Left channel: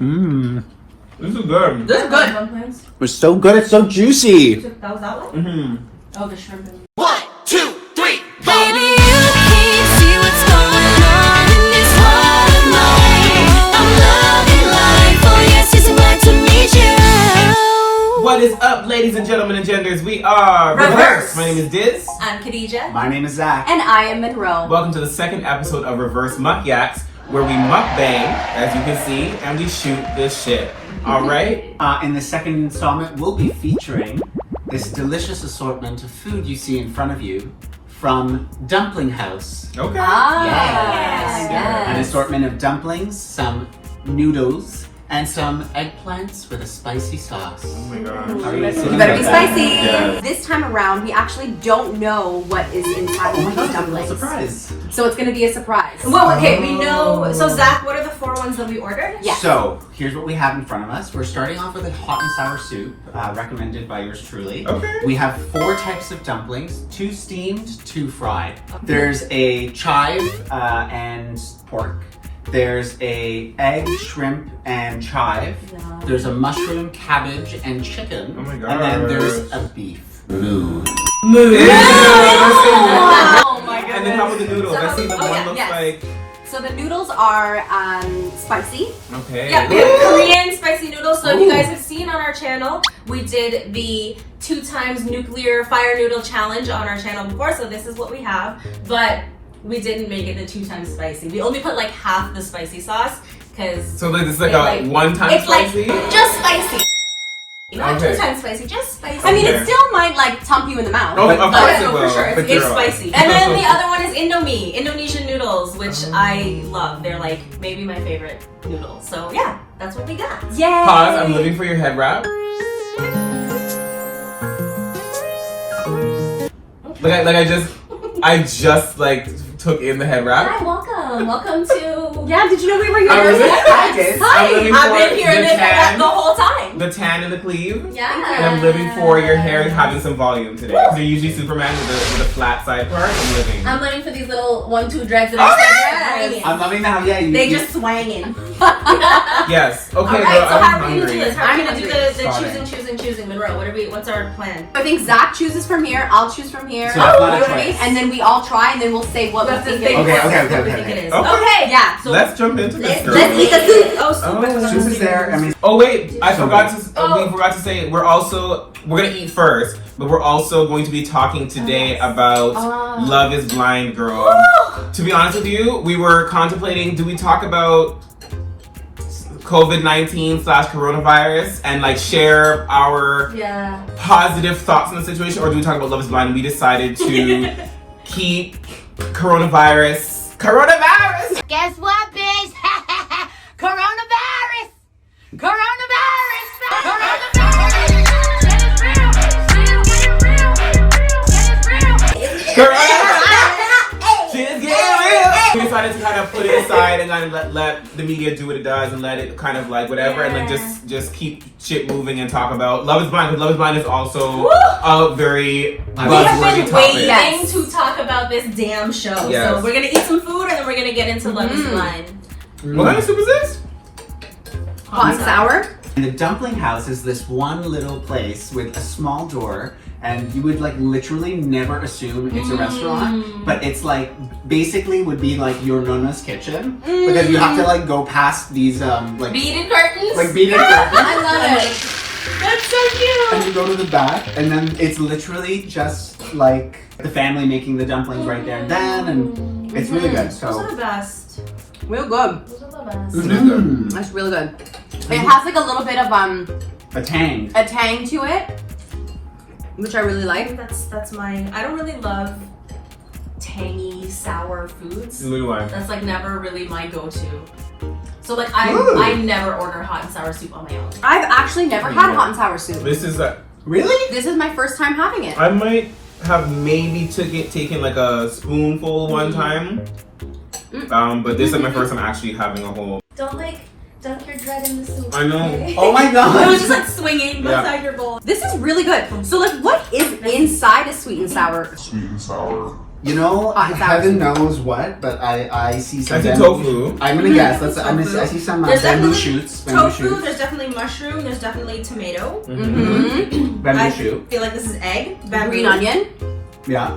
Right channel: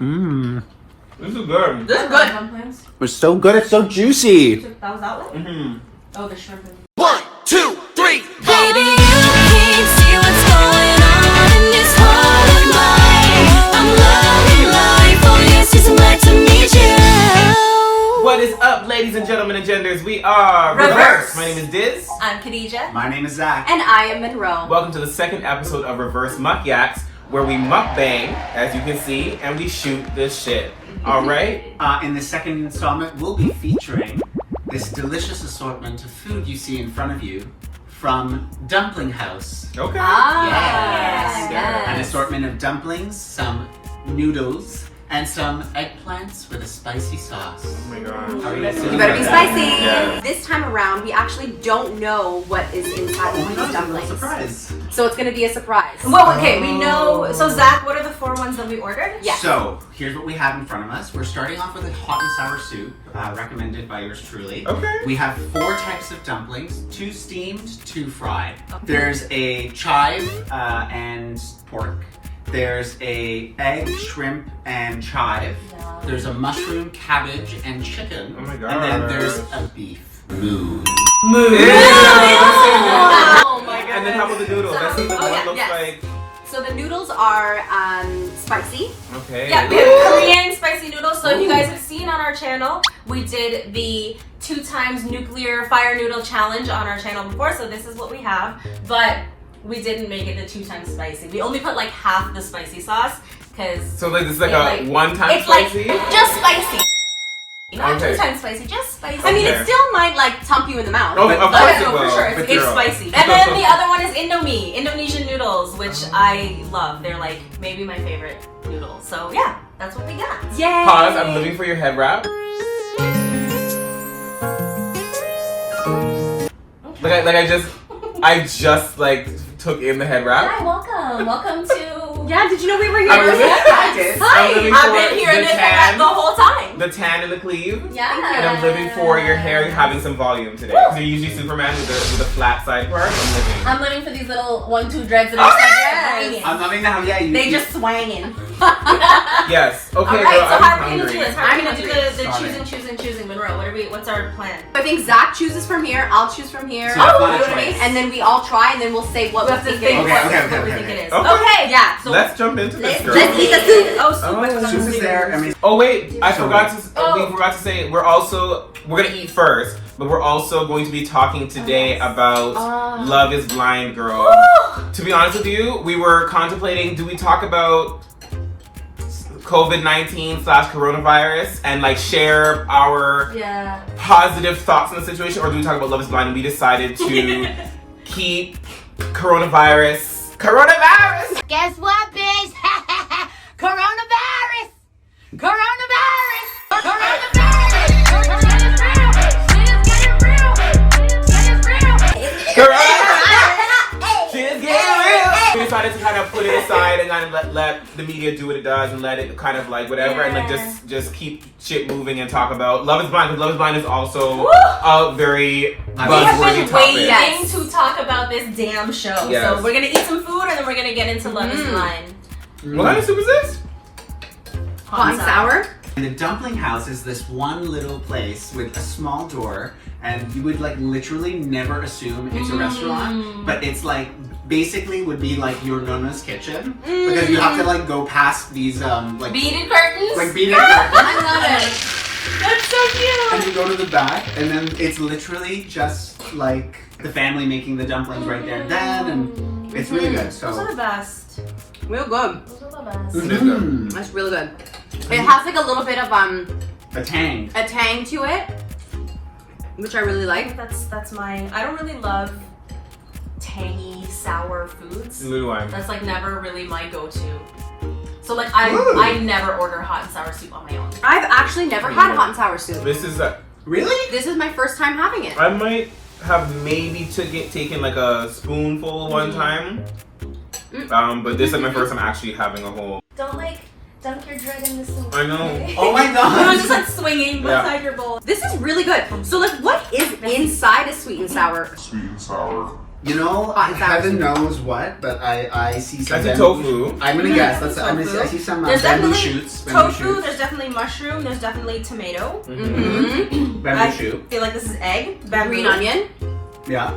Mmm. This is good. This is good. Dumplings. It's so good. It's so juicy. That was that one? Mm-hmm. Oh, the shrimp. 1, 2, 3, go! Baby, you can't see what's going on in this heart of mine. I'm loving life, oh yes, it's glad to meet you. What is up, ladies and gentlemen and genders? We are rIVerse. My name is Diz. I'm Khadija. My name is Zach. And I am Monroe. Welcome to the second episode of rIVerse MukYaks, where we mukbang, as you can see, and we shoot this shit. All right? In the second installment, we'll be featuring this delicious assortment of food you see in front of you from Dumpling House. Okay. Yes. An assortment of dumplings, some noodles, and some eggplants with a spicy sauce. Oh my god. How are you guys You feeling better about be that? spicy. Yes. This time around, we actually don't know what is inside Oh of my these god, dumplings. surprise. So it's going to be a surprise. Well, okay, we know. So, Zach, what are the 4 ones that we ordered? Yes. So, here's what we have in front of us. We're starting off with a hot and sour soup, recommended by yours truly. Okay. We have 4 types of dumplings, 2 steamed, 2 fried. There's a chive and pork. There's a egg, shrimp, and chive. Wow. There's a mushroom, cabbage, and chicken. Oh my And then gosh. there's a beef. Moo. Ew. Oh my And then how about the noodles? I see the one looks yes. like... So the noodles are spicy. Okay. Yeah, we have Korean spicy noodles. So if you guys have seen on our channel, we did the 2 times nuclear fire noodle challenge on our channel before. So this is what we have, but we didn't make it the 2 times spicy. We only put like half the spicy sauce because So like, this is like a one-time it's spicy? like just spicy. Not Okay. 2 times spicy, just spicy. I mean, Okay. it still might like tump you in the mouth. Oh, but- of but- course it no, will. for sure. but It's girl. spicy. And then the other one is Indomie, Indonesian noodles, which I love. They're like maybe my favorite noodles. So yeah, that's what we got. Yay! Pause, I'm living for your head wrap. I just like took in the head wrap. Hi, welcome. Welcome to. Yeah, did you know we were here? I'm living, I did. I'm living I've for been here the and they tan. the whole time. The tan and the cleave. Yeah. And I'm living for your hair having some volume today. Because you're usually Superman with a flat side part. I'm living. I'm living for these little 1-2 dreads that Oh, are yes. I'm loving how, yeah, you... They just swanging. Yes. Okay, All right, girl, so I'm how are we gonna do hungry. this? How are we I'm gonna do hungry. the choosing? Monroe, what's our plan? I think Zach chooses from here. I'll choose from here. So that's not a You know what I mean? choice. And then we all try, and then we'll say what We we have to think think it is. Okay. what we think it is. Okay. Okay, Yeah. So Let's jump into this, girl. Let's eat the soup. Oh, soup. Oh, I forgot This to is do there, this. I mean... Oh wait, I forgot to. Oh. We forgot to say we're gonna eat first, but we're also going to be talking today about Love Is Blind, girl. To be honest with you, we were contemplating: do we talk about COVID-19 / coronavirus and like share our Yeah. positive thoughts on the situation, or do we talk about Love Is Blind? And we decided to keep coronavirus. Guess what, bitch? Coronavirus! Coronavirus! Coronavirus! Shit is real! Shit is getting real! Shit is real! Coronavirus. Shit's getting real. We decided to kind of put it aside and kind of let the media do what it does and let it kind of like whatever and like just keep shit moving and talk about Love Is Blind, because Love Is Blind is also a very We have buzzworthy been topic. waiting Yes. to talk about this damn show. Yes. So we're gonna eat some food and then we're gonna get into Love Is Blind. What kind of soup is this? Hot and sour. The Dumpling House is this one little place with a small door, and you would like literally never assume it's a restaurant, but it's like basically would be like your nonna's kitchen, because you have to like go past these like Beaded curtains. beaded curtains, I love it. That's so cute. and you go to the back, and then it's literally just like the family making the dumplings right there and then, and it's really good. Those are So the best. Real good. Those are the best. It is good. That's really good. It has like a little bit of a tang. a tang to it, which I really I like. think that's mine. I don't really love tangy, sour foods. Little one. That's like never really my go-to. So like I Really? never order hot and sour soup on my own. I've actually never had hot and sour soup. This is Really? This is my first time having it. I might have maybe taken like a spoonful one time. But this is my first time actually having a whole. Don't like dunk your dread in the soup. I know. okay? Oh my It was god! just like swinging Yeah. beside your bowl. This is really good. So like, what is inside a sweet and sour? Sweet and sour. You know, Hot and sour heaven soup. knows what, but I see some. I see bamboo- tofu. I'm gonna guess. I see some There's bamboo definitely shoots. Bamboo tofu, shoots. there's definitely mushroom, there's definitely tomato. Mm-hmm. Bamboo I shoot. feel like this is egg. Bamboo. Green onion. Yeah.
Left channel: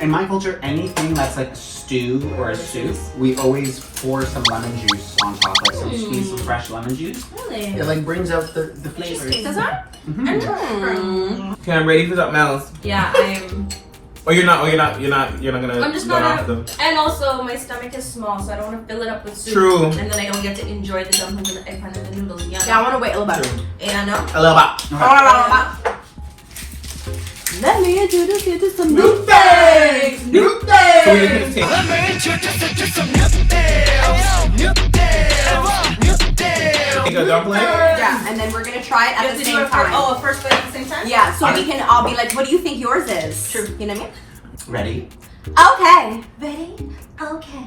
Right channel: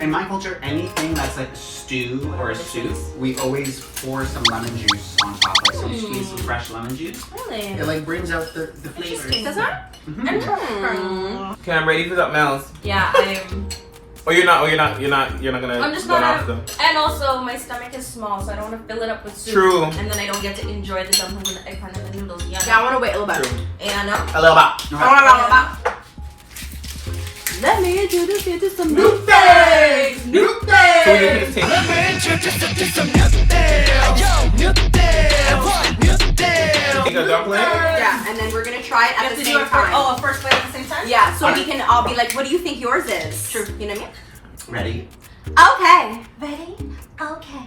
In my culture, anything that's like a stew or a soup, we always pour some lemon juice on top, like some squeeze some fresh lemon juice. Really? It like brings out the flavors. Is that? Mhm. Okay, I'm ready for something else. Yeah, I am. Oh, you're not gonna I'm just go not. off the. And also, my stomach is small, so I don't want to fill it up with soup. True. And then I don't get to enjoy the dumplings and the eggplant and the noodles. Yeah. Yeah, I want to wait a little bit. True. And A little bit. Let me introduce you to some MukBangs! So we just gonna take. Let me introduce you to some MukBangs. Take a dumpling. Yeah, and then we're gonna try it at the same time. Oh, first bite at the same time? Yeah, so we can all be like, what do you think yours is? True. You know what Ready? I mean? Okay. Ready? Okay.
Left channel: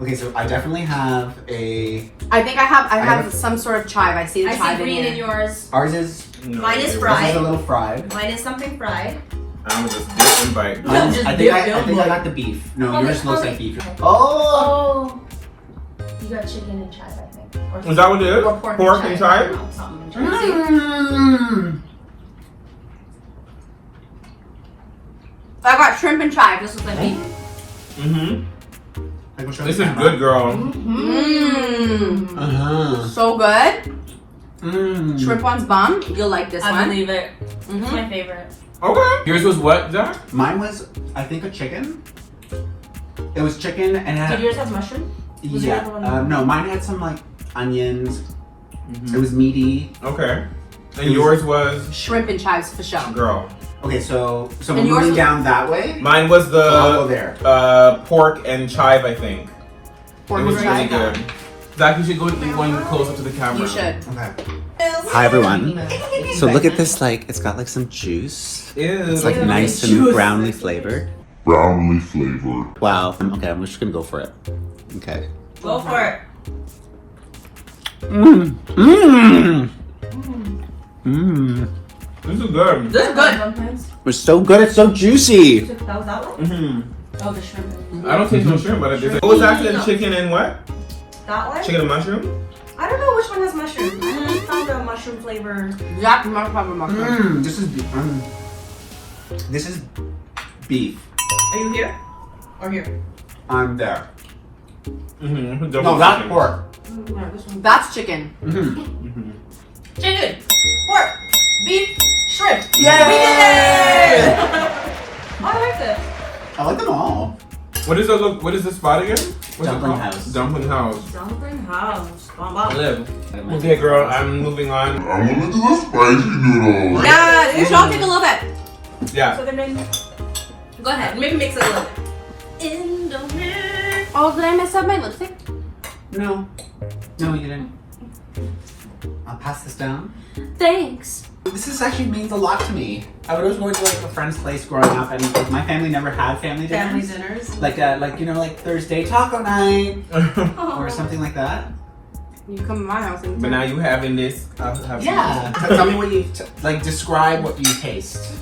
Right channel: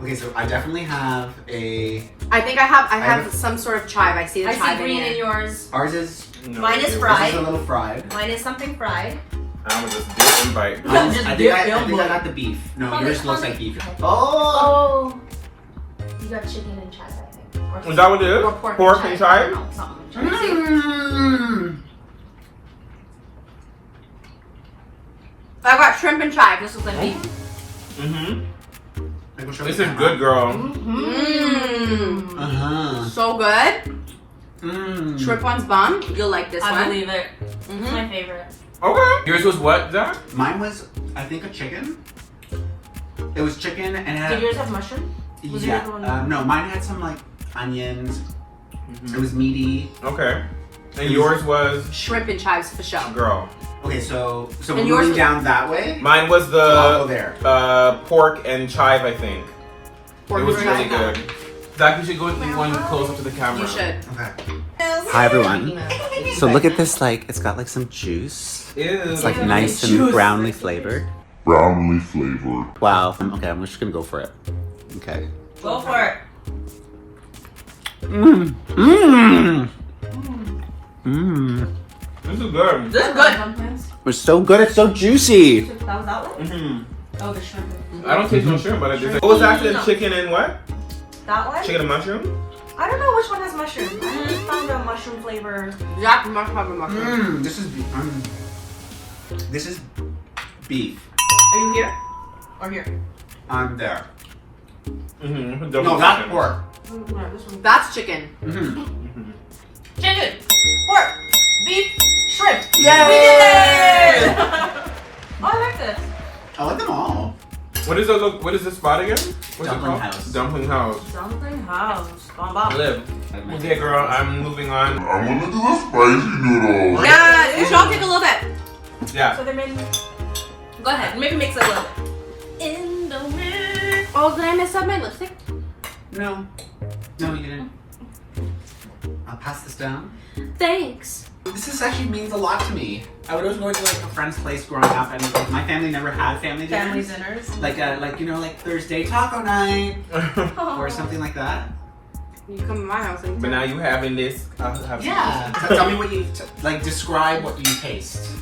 Okay, so I definitely have a. I think I have have- some sort of chive. I see the I chive see in green in here. yours. Ours is. No, Mine is it- fried. This is a little fried. Mine is something fried. I'm gonna just dip and bite. Mine's- just I dip think them. I got the beef. No, Oh, yours this looks one- like beef. okay. Oh. Oh. You got chicken and chive, I think. Or Is that what it is? Or pork, Pork and chive? No, something and chive. Mm. I got shrimp and chive. This was like beef. Mm-hmm. Like, we'll show This the is camera. good, girl. Mmm. Uh-huh. So good. Mm. Shrimp one's bomb. You'll like this I one. believe it. It's Mhm. my favorite. Okay. Yours was what, Zach? Mine was, I think, a chicken. It was chicken and it had. Did yours have mushroom? Was the Yeah. other one- No, mine had some like onions. Mm-hmm. It was meaty. Okay. And yours was, Shrimp and chives for sure. girl. Okay, so And we're yours moving was- down that way. Mine was I'll go the there. pork and chive, I think. Pork It was and really chive. good. Zach, you should go eat one close up to the camera. You should. Okay. Hi everyone. So look at this, like it's got like some juice. Ew. It's like nice and Juice. brownly flavored. Brownly flavored. Wow. Okay, I'm just gonna go for it. Okay. Go for it. Mmm. Mmm. Mmm. This is good. This is good. Dumplings. It's so good. It's so juicy. That was that one? Mm-hmm. Oh, the shrimp. I don't taste no shrimp, but it is. What was actually the chicken and what? That one? Chicken and mushroom? I don't know which one has mushroom. I only found a mushroom flavor. Jack mushroom mushroom. Mmm. This is beef. Are you here? Or here? I'm there. Mm-hmm. No, that's pork. That's chicken. Mm-hmm. Chicken, pork, beef, shrimp. Yay! We did it! Oh, I like this. I like them all. What is the look? What is this spot again? What's Dumpling it called? House. Dumpling House. Dumpling house. Bomba. Live. Okay, girl. I'm moving on. I'm gonna do the spicy noodles. Yeah, you should all take a little bit. Yeah. So they made. Go ahead. Maybe mix it a little bit. In the wind. Oh, did I mess up my lipstick? No. No, you didn't. I'll pass this down. Thanks. This actually means a lot to me. I would always go to like a friend's place growing up, and like, my family never had family dinners. Family dinners. Like you know, like Thursday taco night or something like that. You come to my house and But now you having this. I'll have some. Yeah. Tell me what you like. Describe what you taste.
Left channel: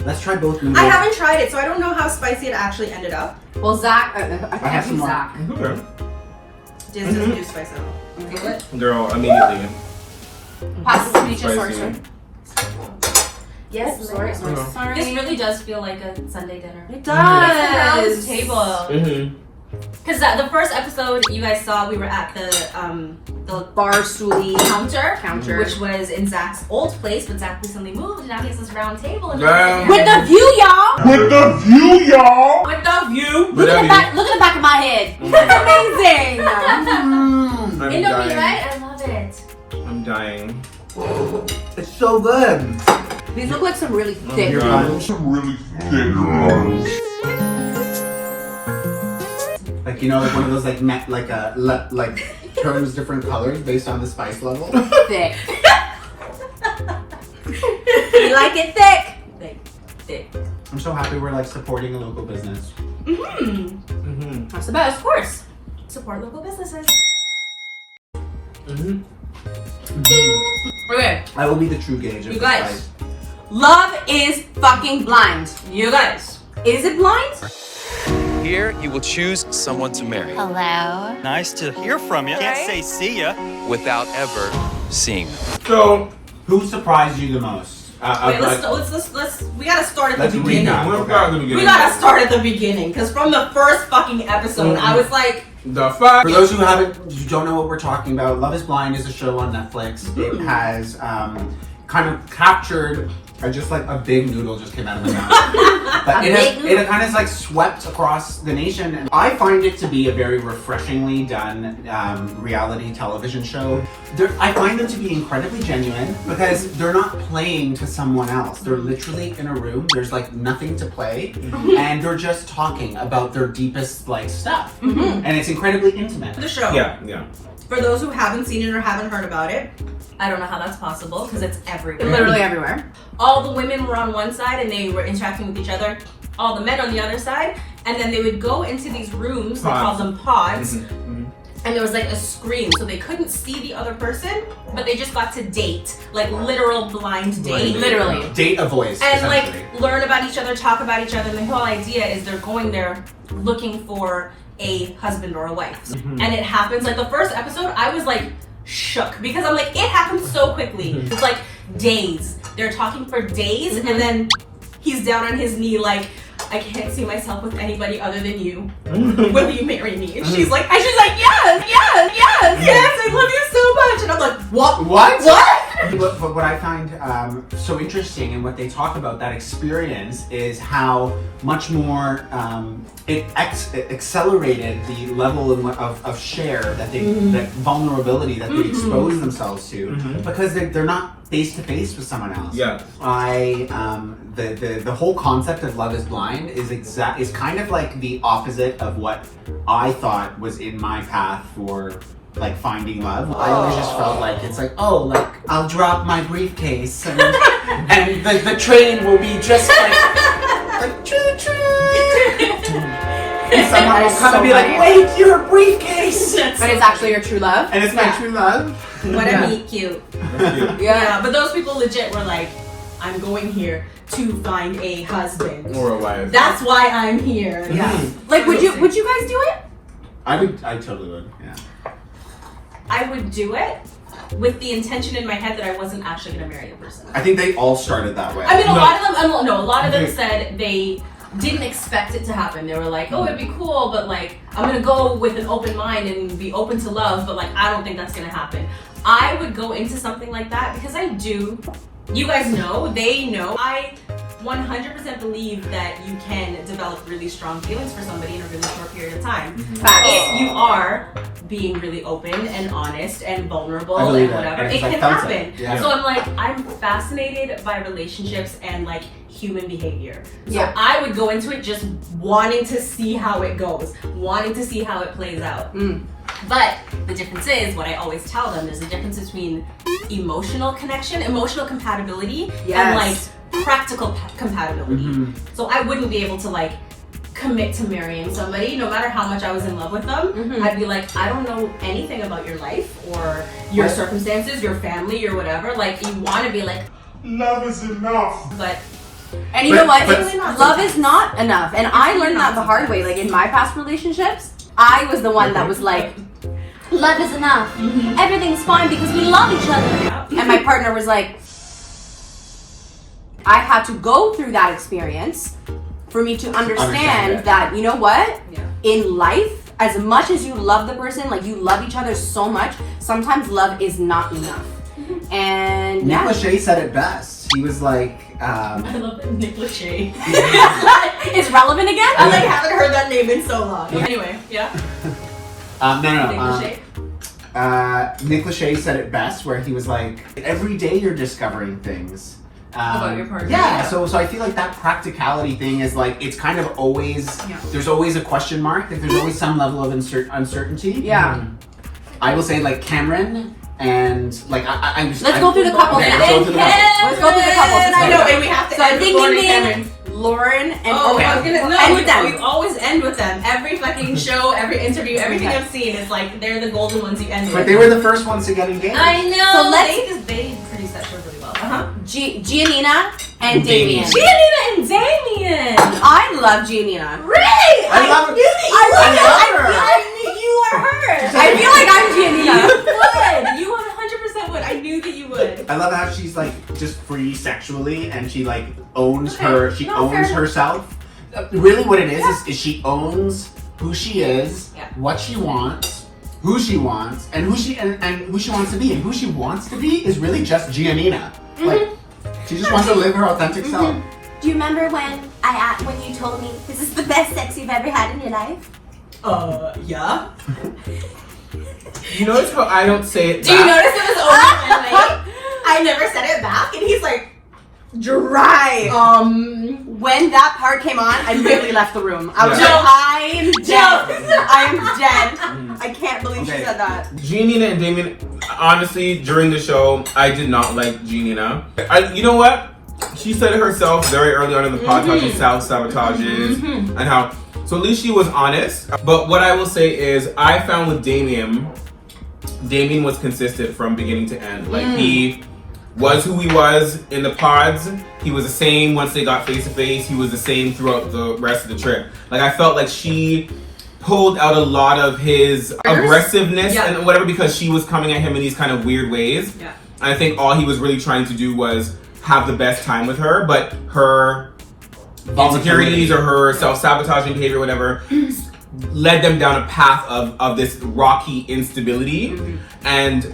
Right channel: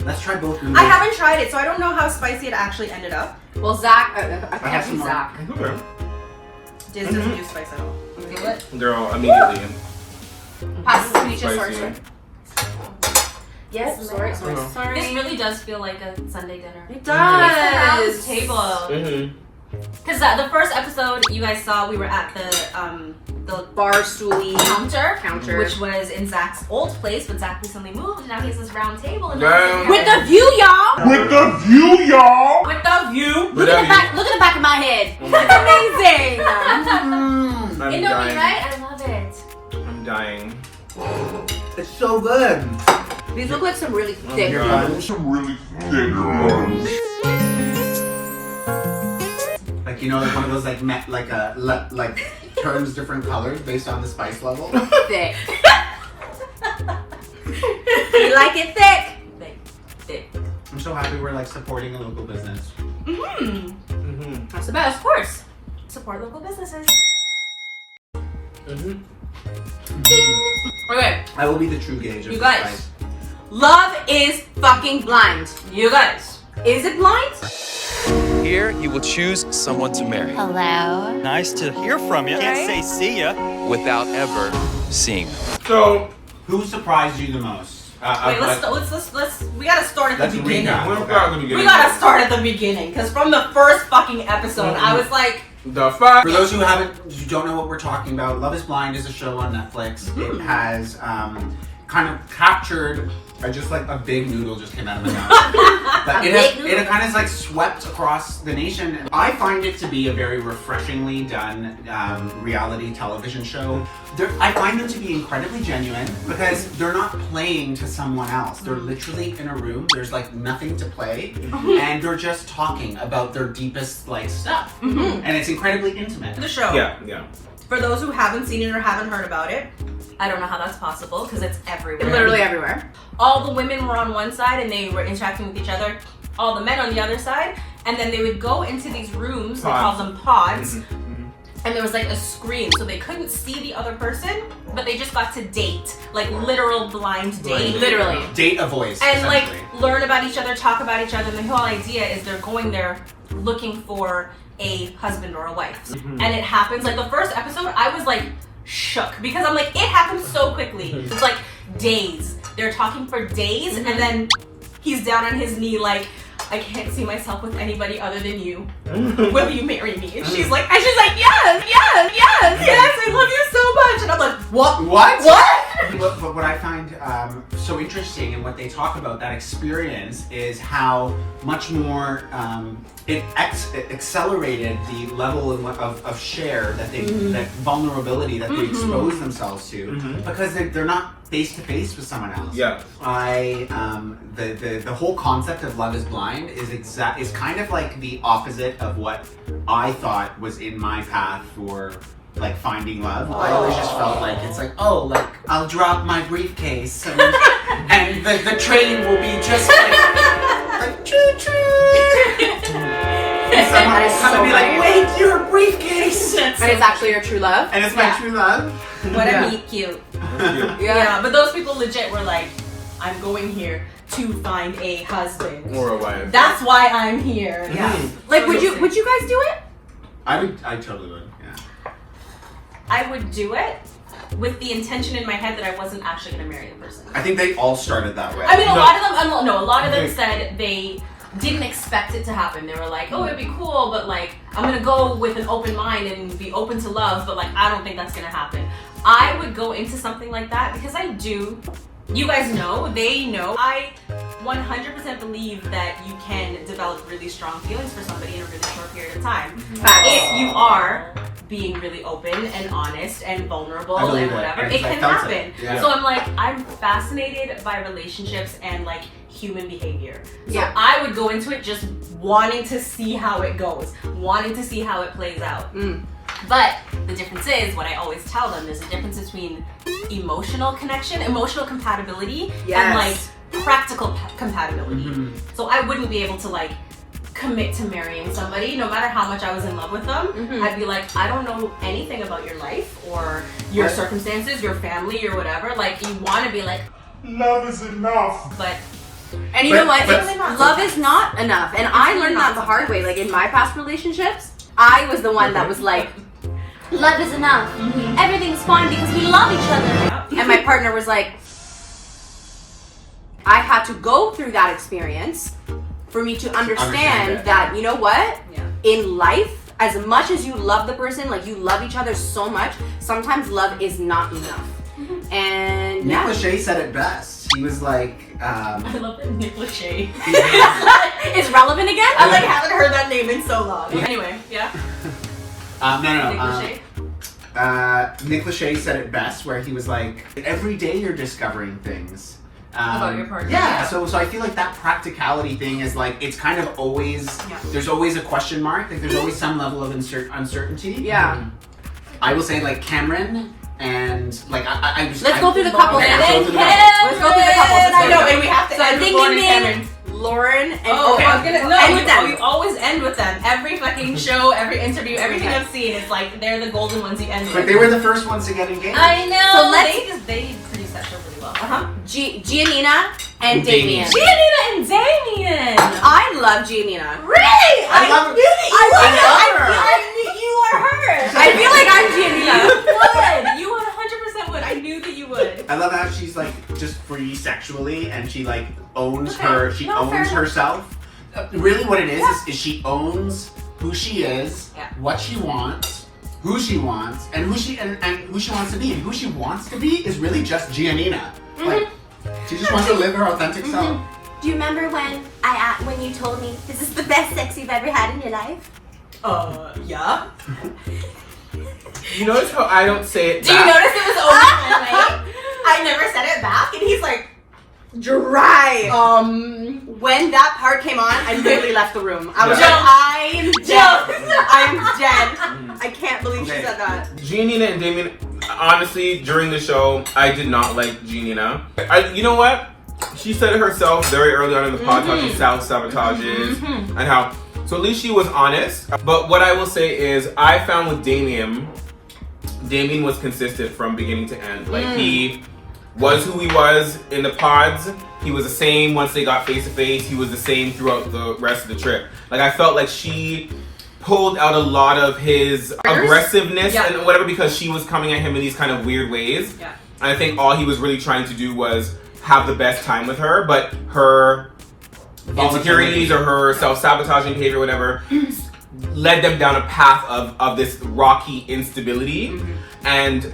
Let's try both noodles. I haven't tried it, so I don't know how spicy it actually ended up. Well, Zach, I have can't some see more. Zach. Okay. This doesn't do spice at all. Feel it? Girl, immediately. Pass the ceviche, sorry, Spicy. sorry. Yes, Sorry, sorry, Oh. sorry. This really does feel like a Sunday dinner. It Round does. table. Mm-hmm. Because the first episode you guys saw, we were at the Bar stoolie counter, which was in Zach's old place, but Zach recently moved, and now he has this round table. And Damn. with the view, y'all. With the view, y'all! With the view. Look at the back. Look at the back of my head. That's amazing. Mm, I'm You know me, dying. right? I love it. I'm dying. it's so good. These look like some really thick. Your God. Some really thick noodles. Like you know, like one of those like like turns different colors based on the spice level. Thick. You like it thick? Thick. I'm so happy we're like supporting a local business. Mm-hmm. That's the best. Of course. Support local businesses. Mm-hmm. Okay. I will be the true gauge of You the guys. spice. Love is fucking blind. You guys. Is it blind? Here, you will choose someone to marry Hello. Nice to hear from you. Can't say see ya. without ever seeing them. So Who surprised you the most? Wait, we gotta start at the beginning. let's start at the beginning. We gotta start at the beginning, because from the first fucking episode, I was like, The fuck? For those who don't know what we're talking about, Love is Blind is a show on Netflix. It has kind of captured, just like a big noodle just came out of my mouth. But it kind of like swept across the nation. And I find it to be a very refreshingly done reality television show. I find them to be incredibly genuine because they're not playing to someone else. They're literally in a room. There's like nothing to play, and they're just talking about their deepest like stuff. And it's incredibly intimate. the show. Yeah. For those who haven't seen it or haven't heard about it, I don't know how that's possible because it's everywhere. Literally everywhere. All the women were on one side and they were interacting with each other. All the men on the other side, and then they would go into these rooms. They call them pods. And there was like a screen, so they couldn't see the other person, but they just got to date, like literal blind date. Literally. Date a voice. And like essentially. learn about each other, talk about each other. And the whole idea is they're going there looking for a husband or a wife. And it happens, like the first episode, I was like shook because I'm like, it happens so quickly. It's like days. They're talking for days, and then he's down on his knee like, I can't see myself with anybody other than you. Will you marry me? And she's like, yes, I love you so much. And I'm like, what? But what I find so interesting and what they talk about that experience is how much more it accelerated the level of share that they, that vulnerability that they expose themselves to because they're not face to face with someone else. Yeah. The whole concept of Love is Blind is kind of like the opposite of what I thought was in my path for like finding love. I always just felt like it's like, oh, like I'll drop my briefcase and the train will be just like choo choo. And someone will come and be like, wait, you're a briefcase. But it's actually your true love. And it's my true love. What a meet cute. Yeah, but those people legit were like, I'm going here to find a husband. Or a wife. That's why I'm here. Yeah. Like, would you guys do it? I totally would, yeah. I would do it with the intention in my head that I wasn't actually gonna marry the person. I think they all started that way. I mean, a lot of them said they didn't expect it to happen. They were like, oh, it'd be cool, but like, I'm gonna go with an open mind and be open to love, but like, I don't think that's gonna happen. I would go into something like that because I do. You guys know, they know. I 100% believe that you can develop really strong feelings for somebody in a really short period of time. If you are being really open and honest and vulnerable and whatever, it can happen. Yeah. So I'm fascinated by relationships and like human behavior. So Yeah. I would go into it just wanting to see how it goes, wanting to see how it plays out. But the difference is, what I always tell them, there's a difference between emotional connection, emotional compatibility, and like practical compatibility. So I wouldn't be able to like commit to marrying somebody, no matter how much I was in love with them. I'd be like, I don't know anything about your life or your circumstances, your family, or whatever. Like, you want to be like, Love is enough. but And you know what? but- It's, love is not enough. And I learned that the hard way. Like in my past relationships, I was the one that was like, love is enough. Everything's fine because we love each other. And my partner was like, I had to go through that experience for me to understand that, you know what? In life, as much as you love the person, like you love each other so much, sometimes love is not enough. And Nick Lachey said it best. He was like, I love that Nick Lachey. It's relevant again? I like haven't heard that name in so long. Anyway, yeah. Nick Lachey. Nick Lachey said it best, where he was like, every day you're discovering things. About your partner. Yeah, so I feel like that practicality thing is like, it's kind of always, there's always a question mark, like there's always some level of uncertainty. Yeah. I will say like Cameron and like Let's go through the couples. Okay, let's go through the couples. Let's go through the couples. No, and we have to So end ding before ding ding. Cameron. Lauren and Oh, I was gonna end with them. You always end with them. Every fucking show, every interview, everything I've seen is like they're the golden ones you end with. But they were the first ones to get engaged. I know. So let's- they produce that show really well. Giannina and Damien. Giannina and Damien. I love Giannina. Really? I love her. I knew you are her. I feel like I'm Giannina. would. You 100% would. I knew that you would. I love how she's like just free sexually and she like owns Okay. her. She No, owns fair enough. herself. Really, what it is she owns who she is, Yeah. what she wants, who she wants, and who she wants to be. And who she wants to be is really just Giannina. Like, she just wants to live her authentic self. Do you remember when you told me this is the best sex you've ever had in your life? Yeah. You notice how I don't say it Do you back? notice it was over my leg? I never said it back, and he's like, Dry. When that part came on, I literally left the room. I was Yeah. like, I am dead. I am dead. I can't believe she Okay. said that. Giannina and Damien, honestly, during the show, I did not like Giannina. You know what? She said it herself very early on in the podcast, she self-sabotages, and how, so at least she was honest. But what I will say is, I found with Damien was consistent from beginning to end. Like, he was who he was in the pods. He was the same once they got face to face. He was the same throughout the rest of the trip. Like, I felt like she pulled out a lot of his aggressiveness Yeah. and whatever because she was coming at him in these kind of weird ways. Yeah. And I think all he was really trying to do was have the best time with her, but her insecurities or her self-sabotaging behavior, whatever, led them down a path of this rocky instability. And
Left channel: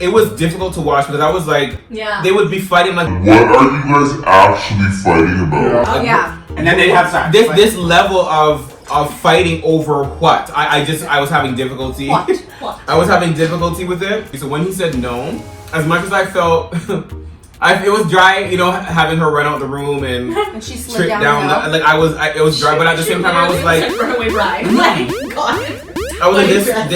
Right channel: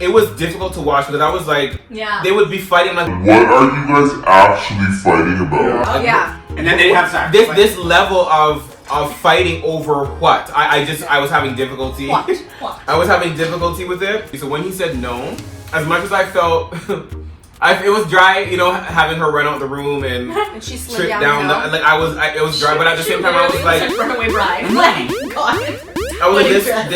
it was difficult to watch because I was like, Yeah. they would be fighting like, What are you guys actually fighting about? Oh yeah. And then they have sex. this Like, this level of fighting over what? I was having difficulty. What? I was having difficulty with it. So when he said no, as much as I felt it was dry, you know, having her run out the room and And she slid trip down down the hill. like it was dry, but at the same time I was like, runaway ride. Like, God. I was like,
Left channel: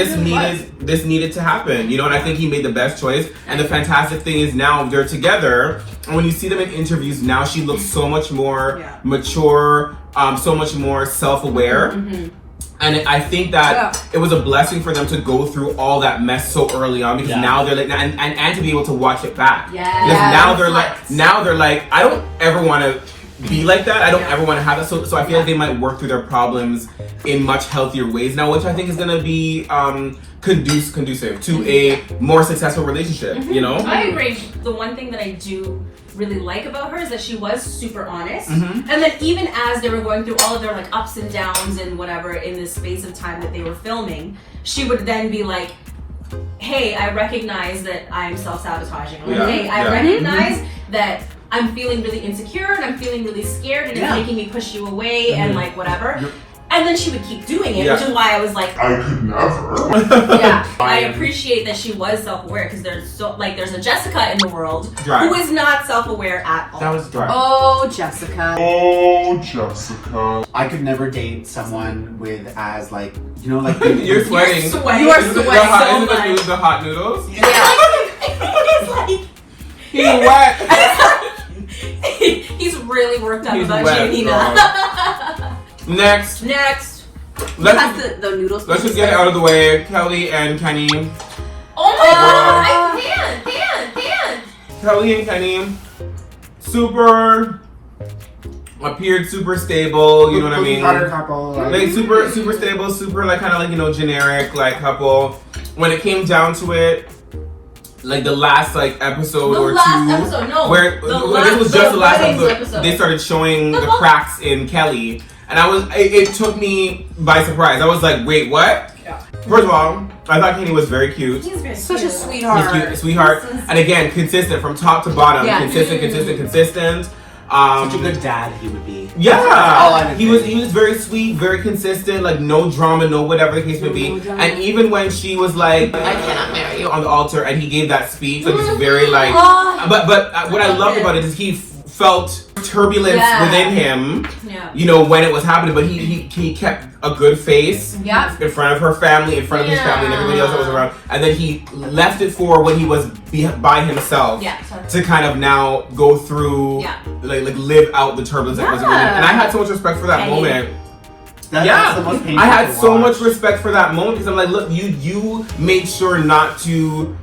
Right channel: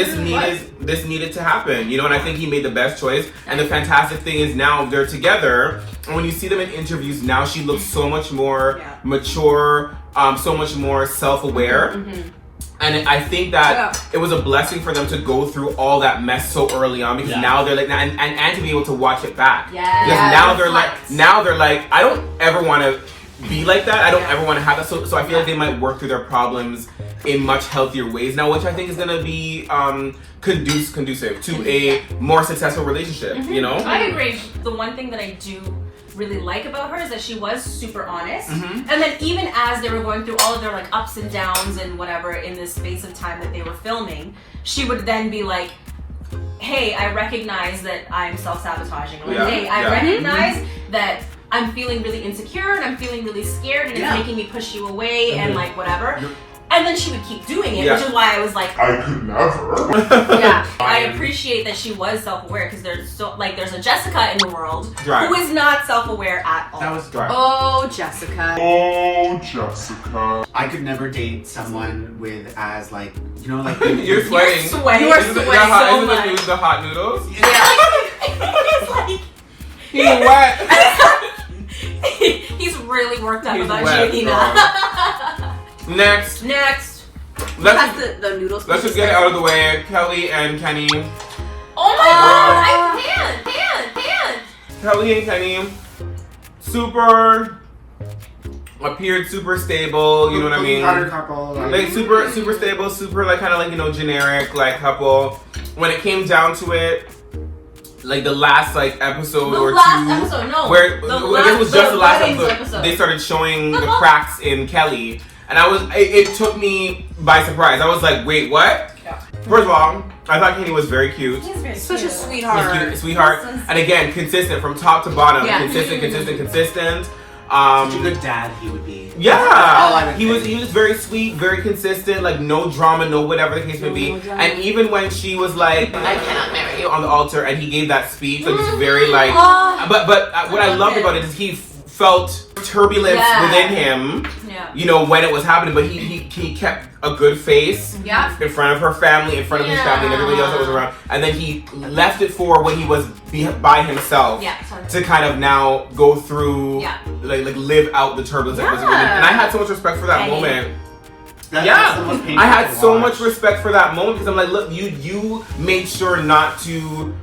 this needed to happen, you know, and I think he made the best choice. And the fantastic thing is now they're together, and when you see them in interviews now, she looks so much more mature, so much more self-aware. And I think that it was a blessing for them to go through all that mess so early on because now they're like, and to be able to watch it back. Because now they're like, I don't ever want to be like that. I don't ever want to have that. So I feel like they might work through their problems in much healthier ways now, which I think is going to be conducive to a more successful relationship, you know? I agree. The one thing that I do really like about her is that she was super honest. Mm-hmm. And then even as they were going through all of their like ups and downs and whatever in this space of time that they were filming, she would then be like, hey, I recognize that I'm self-sabotaging. Or, Yeah. hey, I Yeah. recognize that I'm feeling really insecure and I'm feeling really scared and it's making me push you away and like whatever. And then she would keep doing it, which is why I was like, I could never. yeah, I appreciate that she was self-aware because there's a Jessica in the world Dry. who is not self-aware at all. That was dry. Oh, Jessica. Oh, Jessica. I could never date someone with as like, you know, like You're sweating. sweating. You are Isn't sweating the so news the hot noodles? He's He's wet. like, he's really worked up He's about wet, Giannina. Next, Next. let's The noodles. just get it out of the way. Kelly and Kenny. Oh my god! I can't. Kelly and Kenny, appeared super stable, you know what I mean? Carter couple, Like super stable, super like kind of like, you know, generic like couple. When it came down to it, like the last like episode The or last two, episode, no. where The I guess it was just the last weddings episode, they started showing the cracks in Kelly, and it took me by surprise. I was like, wait, what? Yeah. First of all, I thought Kenny was very cute. He's very Such a cute. sweetheart. He's cute, sweetheart, and again, consistent from top to bottom. Yeah. Consistent. Such a good dad he would be. all Yeah, I he was very sweet, very consistent, like no drama, no whatever the case may be. And even when she was like, "I cannot marry you" on the altar, and he gave that speech, like it's very like. But what I loved about it is he felt turbulence within him. Yeah. You know, when it was happening, but he kept a good face in front of her family, in front of his family, and everybody else that was around. And then he left it for when he was by himself to kind of now go through, like live out the turbulence that was within him. And I had so much respect for that moment. That's the most painful I had so watch. much respect for that moment because I'm like, look, you made sure not to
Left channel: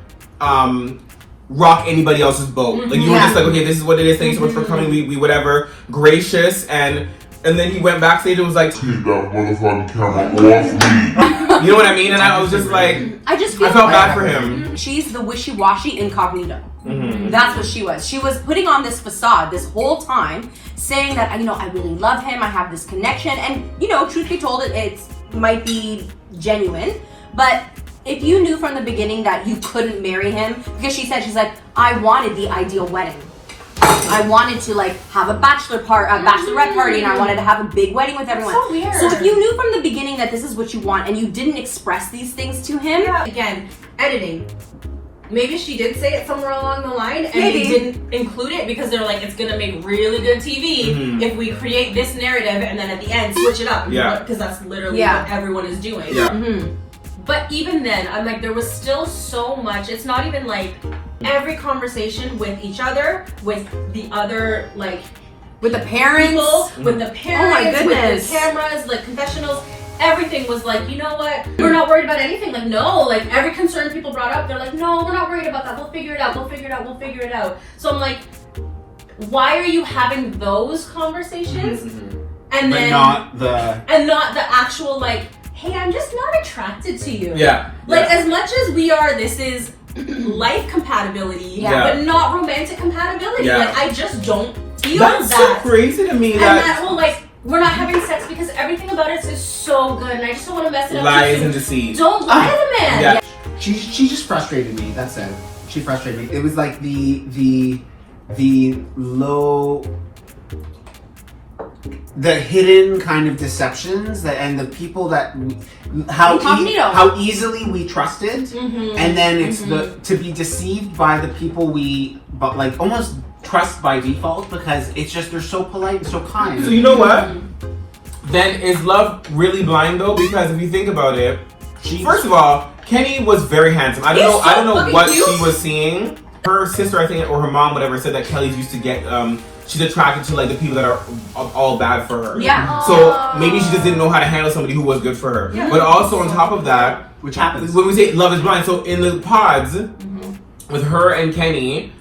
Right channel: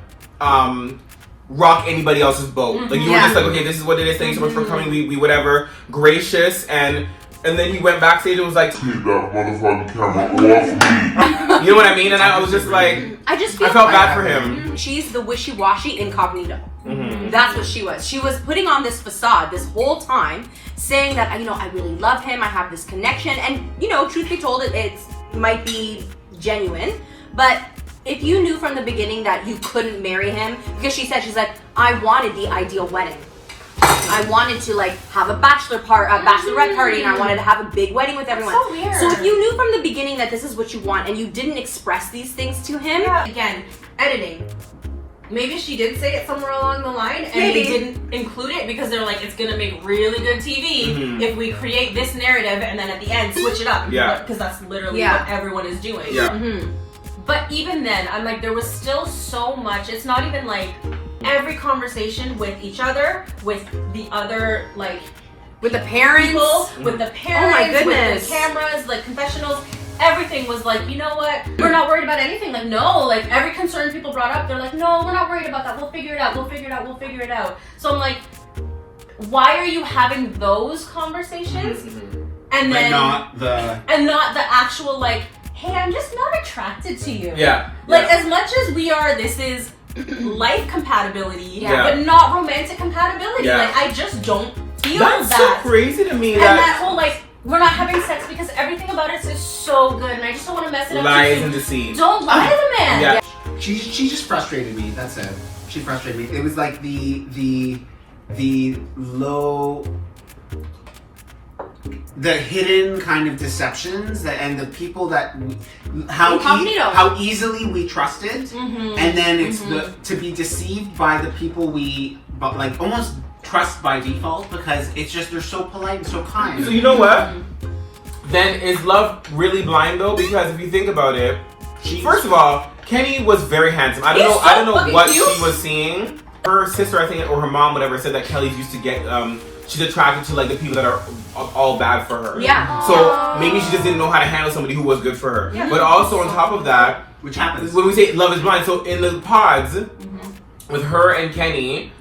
rock anybody else's boat. Like you were just like, okay, this is what it is. Thank you so much for coming. We whatever, gracious, and then he went backstage and was like, Take that motherfucking camera off me. you know what I mean? And I was just like, I felt bad for him. She's the wishy-washy incognito. That's what she was. She was putting on this facade this whole time, saying that, you know, I really love him, I have this connection, and, you know, truth be told, it might be genuine, but if you knew from the beginning that you couldn't marry him, because she's like, I wanted the ideal wedding. I wanted to like have a bachelorette party, and I wanted to have a big wedding with everyone. So weird. So if you knew from the beginning that this is what you want and you didn't express these things to him, Again, editing. Maybe she did say it somewhere along the line and Maybe. they didn't include it because they're like, it's gonna make really good TV if we create this narrative and then at the end switch it up. Because that's literally what everyone is doing. But even then, I'm like, there was still so much. It's not even like every conversation with each other, with the other, like, with the parents, people, with the parents, oh my goodness, with the cameras, like confessionals, everything was like, you know what? We're not worried about anything. Like, no, like every concern people brought up, they're like, no, we're not worried about that. We'll figure it out. We'll figure it out. We'll figure it out. So I'm like, why are you having those conversations and then not the actual like, hey, I'm just not attracted to you. Like as much as we are, this is life compatibility, but not romantic compatibility. Like I just don't feel That's that. so crazy to me. And that whole like, we're not having sex because everything about it is so good, and I just don't want to mess it up. Lies and deceit. Don't lie to the man. She just frustrated me. That's it. She frustrated me. It was like the low, the hidden kind of deceptions and the people that how easily we trusted, and then it's to be deceived by the people but like almost trust by default because it's just they're so polite and so kind. So you know what? Then is love really blind though? Because if you think about it, first of all, Kenny was very handsome. I don't know what she was seeing. Her sister, I think, or her mom, whatever, said that Kelly's used to get she's attracted to like the people that are all bad for her. So maybe she just didn't know how to handle somebody who was good for her. But also on top of that, which happens when we say love is blind, so in the pods with her and Kenny,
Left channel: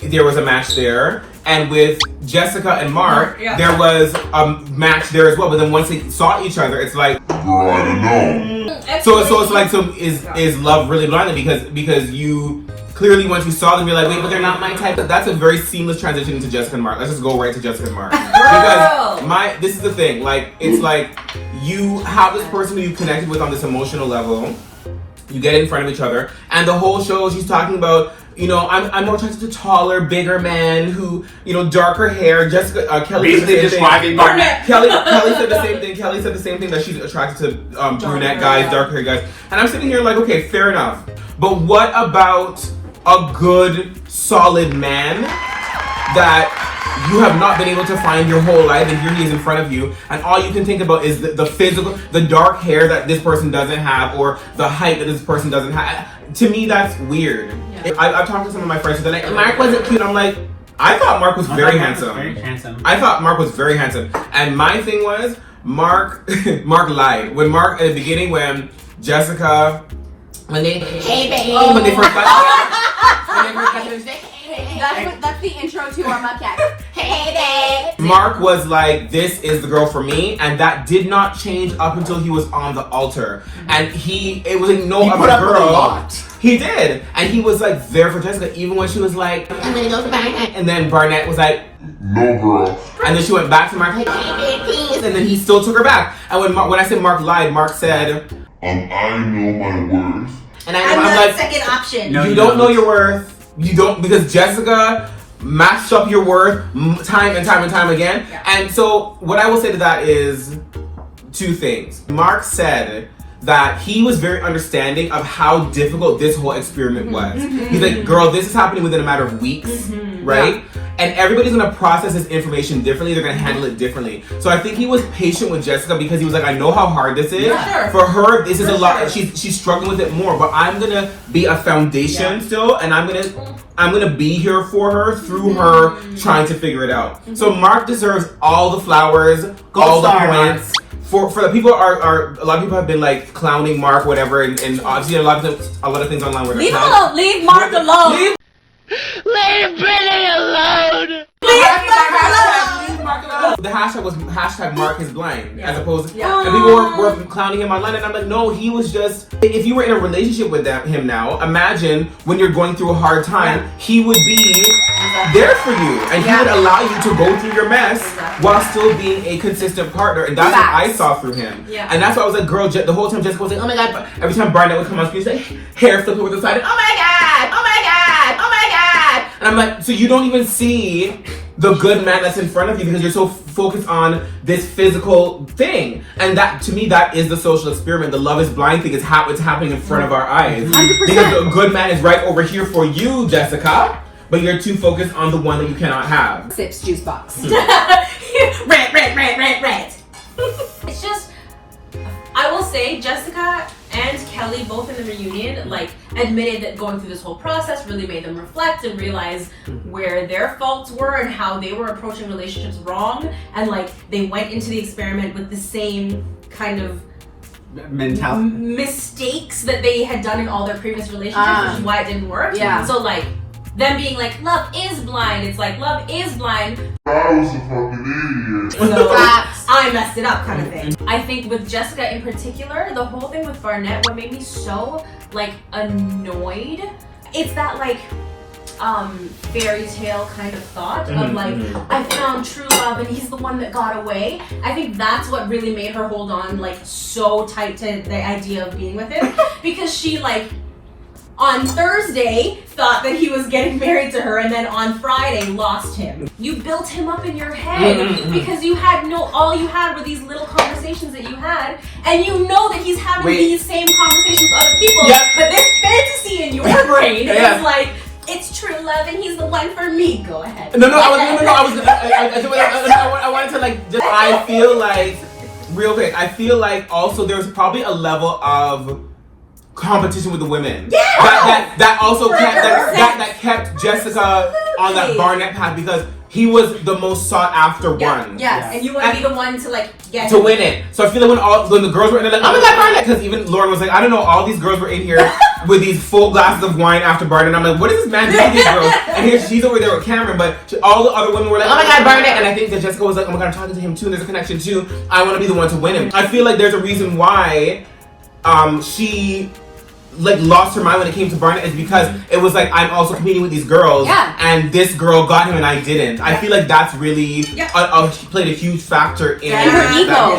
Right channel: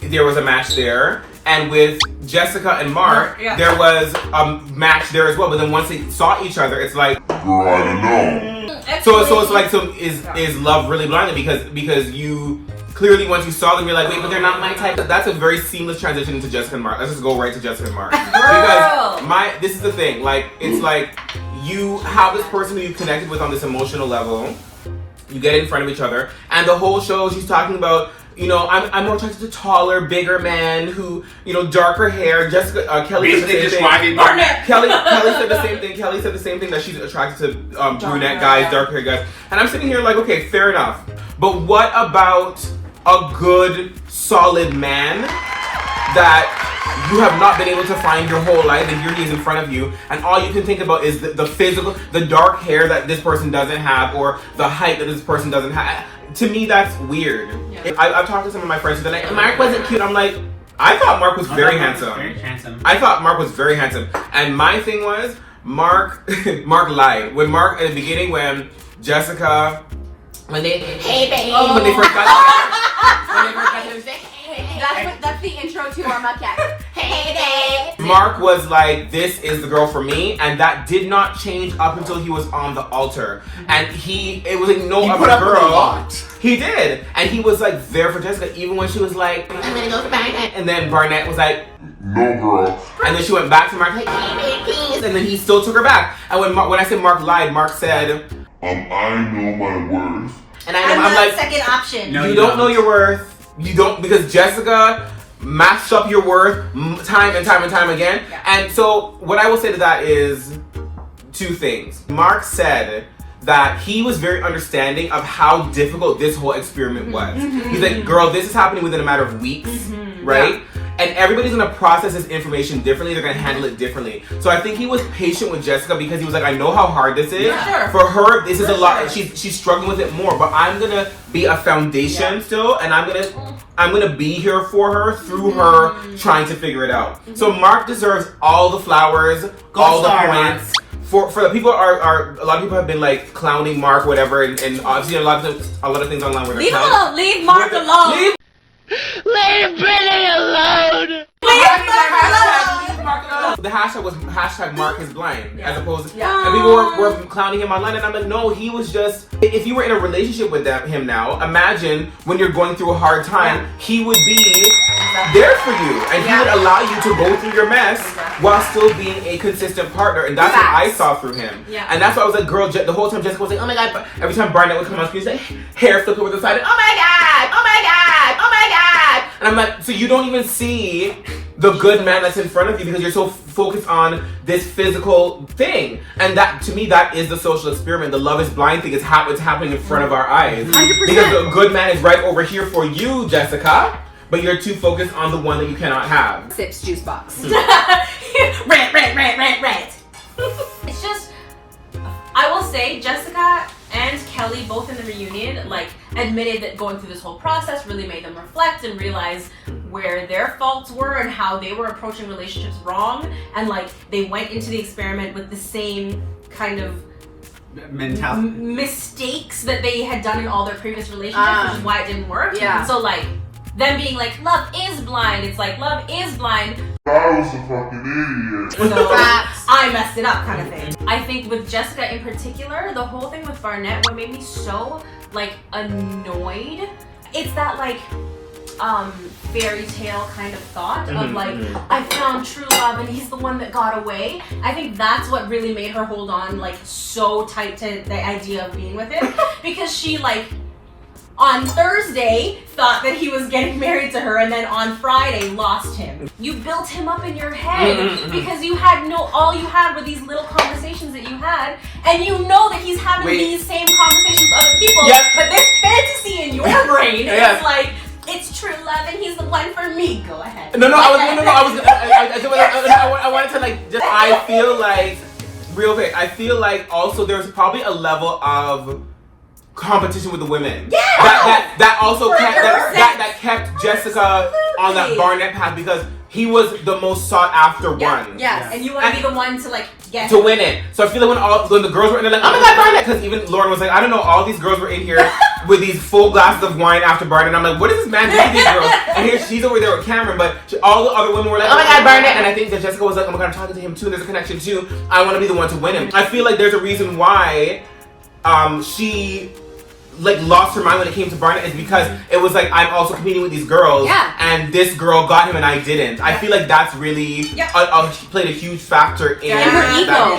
there was a match there, and with Jessica and Mark, there was a match there as well. But then once they saw each other, it's like, Girl, I don't know. So it's like, is love really blind? Because you clearly once you saw them, you're like, wait, but they're not my type. That's a very seamless transition into Jessica and Mark. Let's just go right to Jessica and Mark. Because this is the thing, like it's like you have this person who you connected with on this emotional level. You get in front of each other, and the whole show she's talking about, you know, I'm more attracted to taller, bigger men who, you know, darker hair. Jessica, Kelly said the same thing. Kelly said the same thing. Kelly said the same thing, that she's attracted to brunette guys, dark hair guys. And I'm sitting here like, okay, fair enough. But what about a good, solid man that you have not been able to find your whole life, and here he is in front of you, and all you can think about is the physical, the dark hair that this person doesn't have, or the height that this person doesn't have. To me, that's weird. I've talked to some of my friends who are like, Mark wasn't cute. I'm like, I thought Mark was very handsome. I thought Mark was very handsome. And my thing was, Mark lied. When Mark, at the beginning, when Jessica, when they first got that's the intro to our MukYaks. Hey babe. Mark was like, this is the girl for me, and that did not change up until he was on the altar. And it was like no other girl. He did. And he was like there for Jessica, even when she was like, I'm gonna go to Barnett. And then Barnett was like, no girl. And then she went back to Mark, like, hey babe, please. And then he still took her back. And when I said Mark lied, Mark said, I know my worth. And I'm like, second option. No, you don't know your worth. You don't, because Jessica mashed up your worth time and time and time again. And so what I will say to that is two things. Mark said that he was very understanding of how difficult this whole experiment was. He's like, girl, this is happening within a matter of weeks, right? and everybody's gonna process this information differently. They're gonna handle it differently. So I think he was patient with Jessica because he was like, I know how hard this is. Yeah, For her, this is a lot. sure. She's struggling with it more. But I'm gonna be a foundation still, and I'm gonna be here for her through her trying to figure it out. So Mark deserves all the flowers, all the points. For the people are a lot of people have been like clowning Mark, whatever, and obviously a lot of things online where they're Leave him clowning. alone. Leave Mark alone. Leave Britney alone! The hashtag was hashtag Mark is blind, as opposed to, and people were clowning him online, and I'm like, no, he was just, if you were in a relationship with him now, imagine when you're going through a hard time, he would be there for you, and he would allow you to go through your mess while still being a consistent partner, and that's what I saw through him. And that's why I was like, girl, the whole time Jessica was like, oh my god, every time Barnett would come on screen, say, hair flipping with the side, and, oh my god, oh my god, oh my god, and I'm like, so you don't even see the good man that's in front of you because you're so focused on this physical thing. And that, to me, that is the social experiment. The love is blind thing is it's happening in front of our eyes. 100%. Because the good man is right over here for you, Jessica, but you're too focused on the one that you cannot have. Sips juice box. Red. It's just, I will say, Jessica and Kelly, both in the reunion, like, admitted that going through this whole process really made them reflect and realize where their faults were and how they were approaching relationships wrong. And, like, they went into the experiment with the same kind of mentality, mistakes that they had done in all their previous relationships, which is why it didn't work. Yeah. So, like, them being like, love is blind. It's like, love is blind. I was a fucking idiot. So I messed it up kind of thing. I think with Jessica in particular, the whole thing with Barnett, what made me so like annoyed, it's that like fairy tale kind of thought of like, I found true love and he's the one that got away. I think that's what really made her hold on like so tight to the idea of being with him, because she like on Thursday thought that he was getting married to her, and then on Friday lost him. You built him up in your head because you had all you had were these little conversations that you had, and you know that he's having these same conversations with other people. But this fantasy in your brain is like, it's true love and he's the one for me. Go ahead. I wanted to like just. I feel like real quick. I feel like also there's probably a level of competition with the women. That also kept Jessica on that Barnett path, because he was the most sought after one. Yes. And you want to be the one to like get to win it. So I feel like when the girls were in there like, oh my god, Barnett, because even Lauren was like, I don't know, all these girls were in here with these full glasses of wine after Barnett, and I'm like, what is this man doing to these girls? And here she's over there with Cameron, but all the other women were like, oh my god, Barnett, and I think that Jessica was like, oh my god, I'm talking to him too, and there's a connection too. I want to be the one to win him. I feel like there's a reason why she like lost her mind when it came to Barnett, is because it was like, I'm also competing with these girls, and this girl got him and I didn't. I feel like that's really played a huge factor in her ego.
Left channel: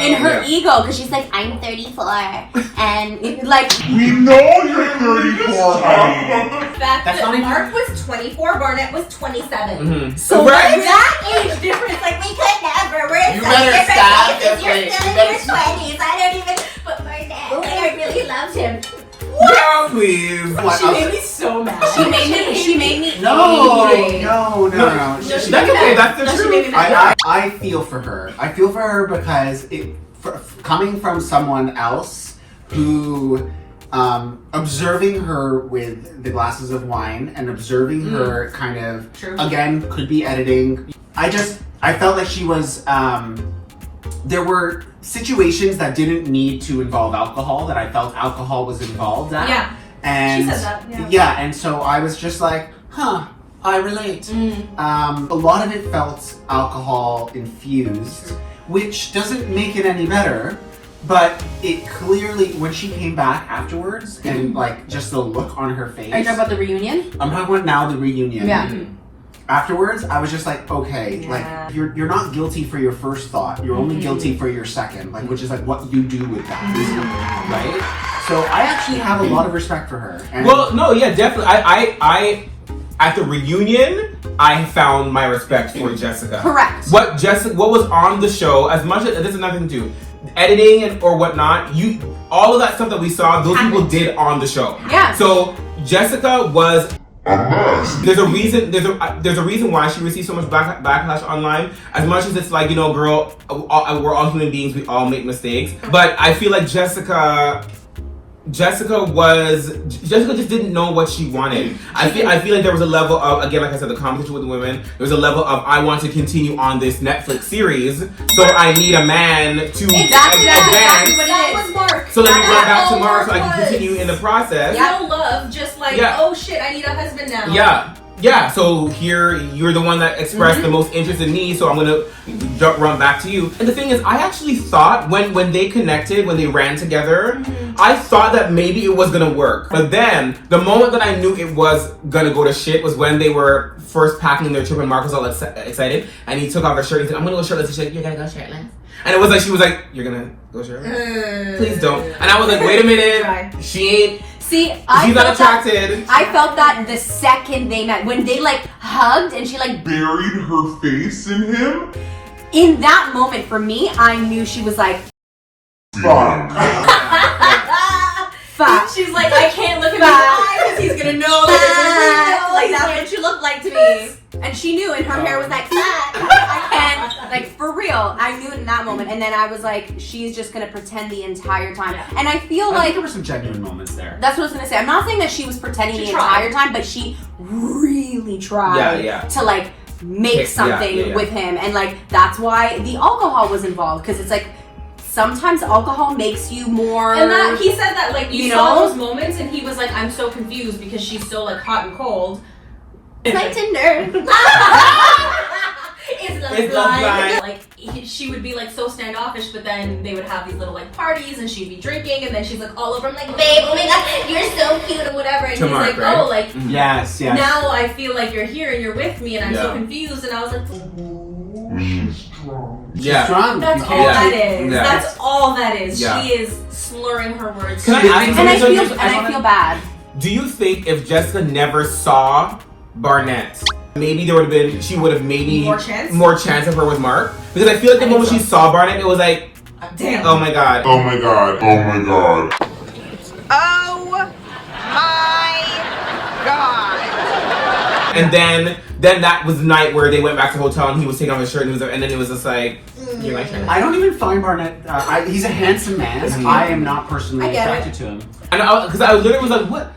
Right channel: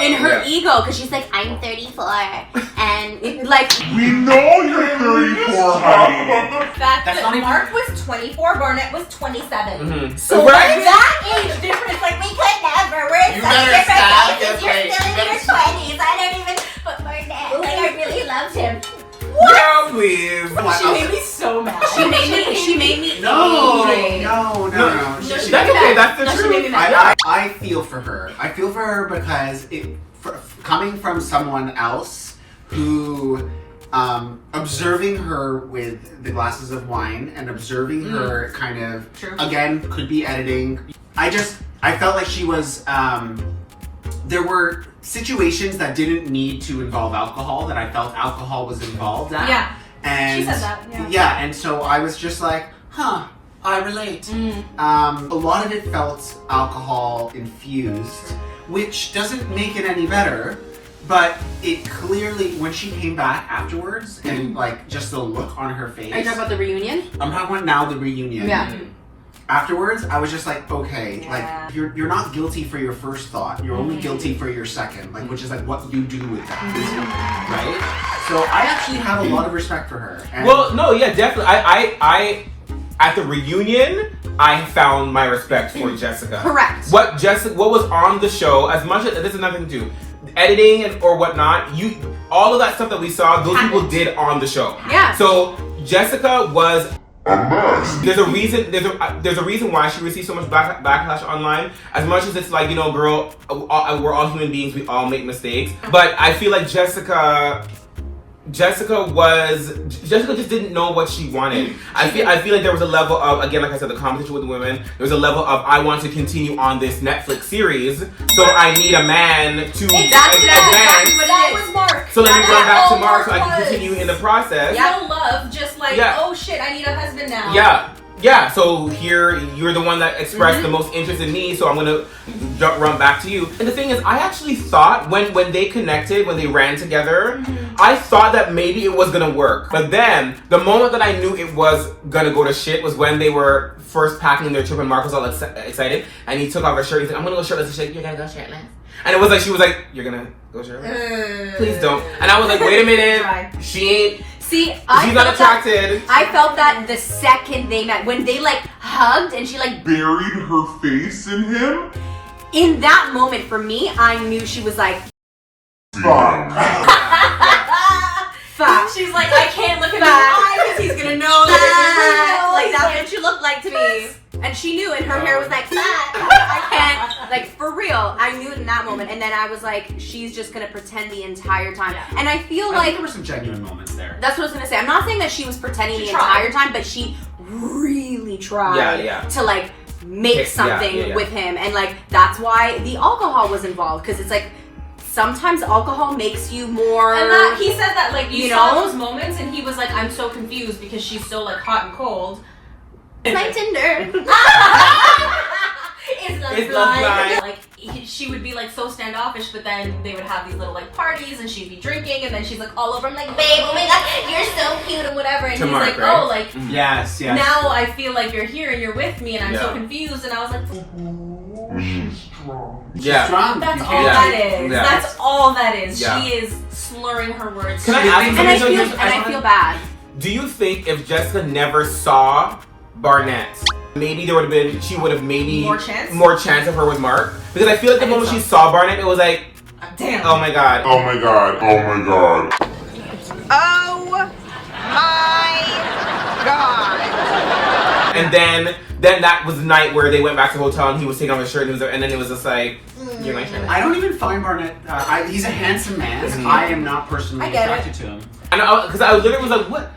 In her ego, because she's like, I'm 34, and like We know you're 34, honey. The fact that Mark was 24, Barnett was 27. So that age difference, like we could never. We're in such different places. You're still in your 20s. I don't even. But Barnett, like, I really loved him. Girl, please. She made me so mad. She made me No. That's okay. That's the truth. I feel for her. I feel for her because coming from someone else who, observing her with the glasses of wine and observing her kind of, again, could be editing. I felt like she was, there were situations that didn't need to involve alcohol that I felt alcohol was involved at. Yeah. And she said that. Yeah, and so I was just like, I relate. A lot of it felt alcohol infused, which doesn't make it any better, but it clearly, when she came back afterwards and like just the look on her face. Are you talking about the reunion? I'm talking about now the reunion. Yeah. Afterwards, I was just like, okay, like you're not guilty for your first thought. You're only guilty for your second, like, which is like what you do with that, right? So I actually have a lot of respect for her. And definitely. I at the reunion, I found my respect for Jessica. Correct. What was on the show, as much as this is nothing to do, editing or whatnot, all of that stuff that we saw, those people did on the show. Yeah. So Jessica was a mess. There's a reason why she receives so much backlash online. As much as it's like, you know, girl, we're all human beings, we all make mistakes. But I feel like Jessica just didn't know what she wanted. I feel like there was a level of, again, like I said, the competition with the women. There was a level of, I want to continue on this Netflix series, so I need a man to advance. That was Mark. So let me run back to Mark so I can continue in the process. No love, just like, oh shit, I need a husband now. Yeah, so here you're the one that expressed the most interest in me, so I'm gonna run back to you. And the thing is, I actually thought when they connected, when they ran together, I thought that maybe it was gonna work. But then, the moment that I knew it was gonna go to shit was when they were first packing their trip and Mark was all excited, and he took off her shirt and he said, I'm gonna go shirtless. She's like, you're gonna go shirtless? And it was like, she was like, you're gonna go shirtless? Please don't. And I was like, wait a minute, she ain't... See, she's not attracted. I felt that the second they met, when they like hugged and she like Buried her face in him? in that moment for me, I knew she was like, Fuck. fuck. She's like, I can't look him in the eyes because he's gonna know that it's real. Like that's what she looked like to me. And she knew, and her hair was like, I can't, like for real. I knew it in that moment, and then I was like, she's just gonna pretend the entire time. And I feel I like think there were some genuine moments there. that's what I was gonna say. I'm not saying that she was pretending the entire time, but she really tried to like make something with him, and like that's why the alcohol was involved, because it's like sometimes alcohol makes you more. And that, he said that like you saw know? those moments, and he was like, I'm so confused because she's so like hot and cold. Like Tinder. It's love blind. Like she would be like so standoffish, but then they would have these little like parties, and she'd be drinking, and then she's like all over him, like, babe, oh my god, you're so cute or whatever. And he's Mark, like, right? oh, like yes. now I feel like you're here and you're with me, and I'm so confused. And I was like, She's strong. Yeah. Strong. that's all that is. Yeah. That's all that is. Yeah. She is slurring her words. Can I ask you And I feel bad. Do you think if Jessica never saw Barnett, maybe there would have been, she would have maybe more chance of her with Mark? Because I feel like the moment she saw Barnett, it was like, damn. Oh my god. Oh my god. Oh my god. Oh my god. And then that was the night where they went back to the hotel and he was taking off his shirt and then it was just like, you're my shirt. I don't even find Barnett. He's a handsome man. I am not personally attracted to him. And because I literally was like,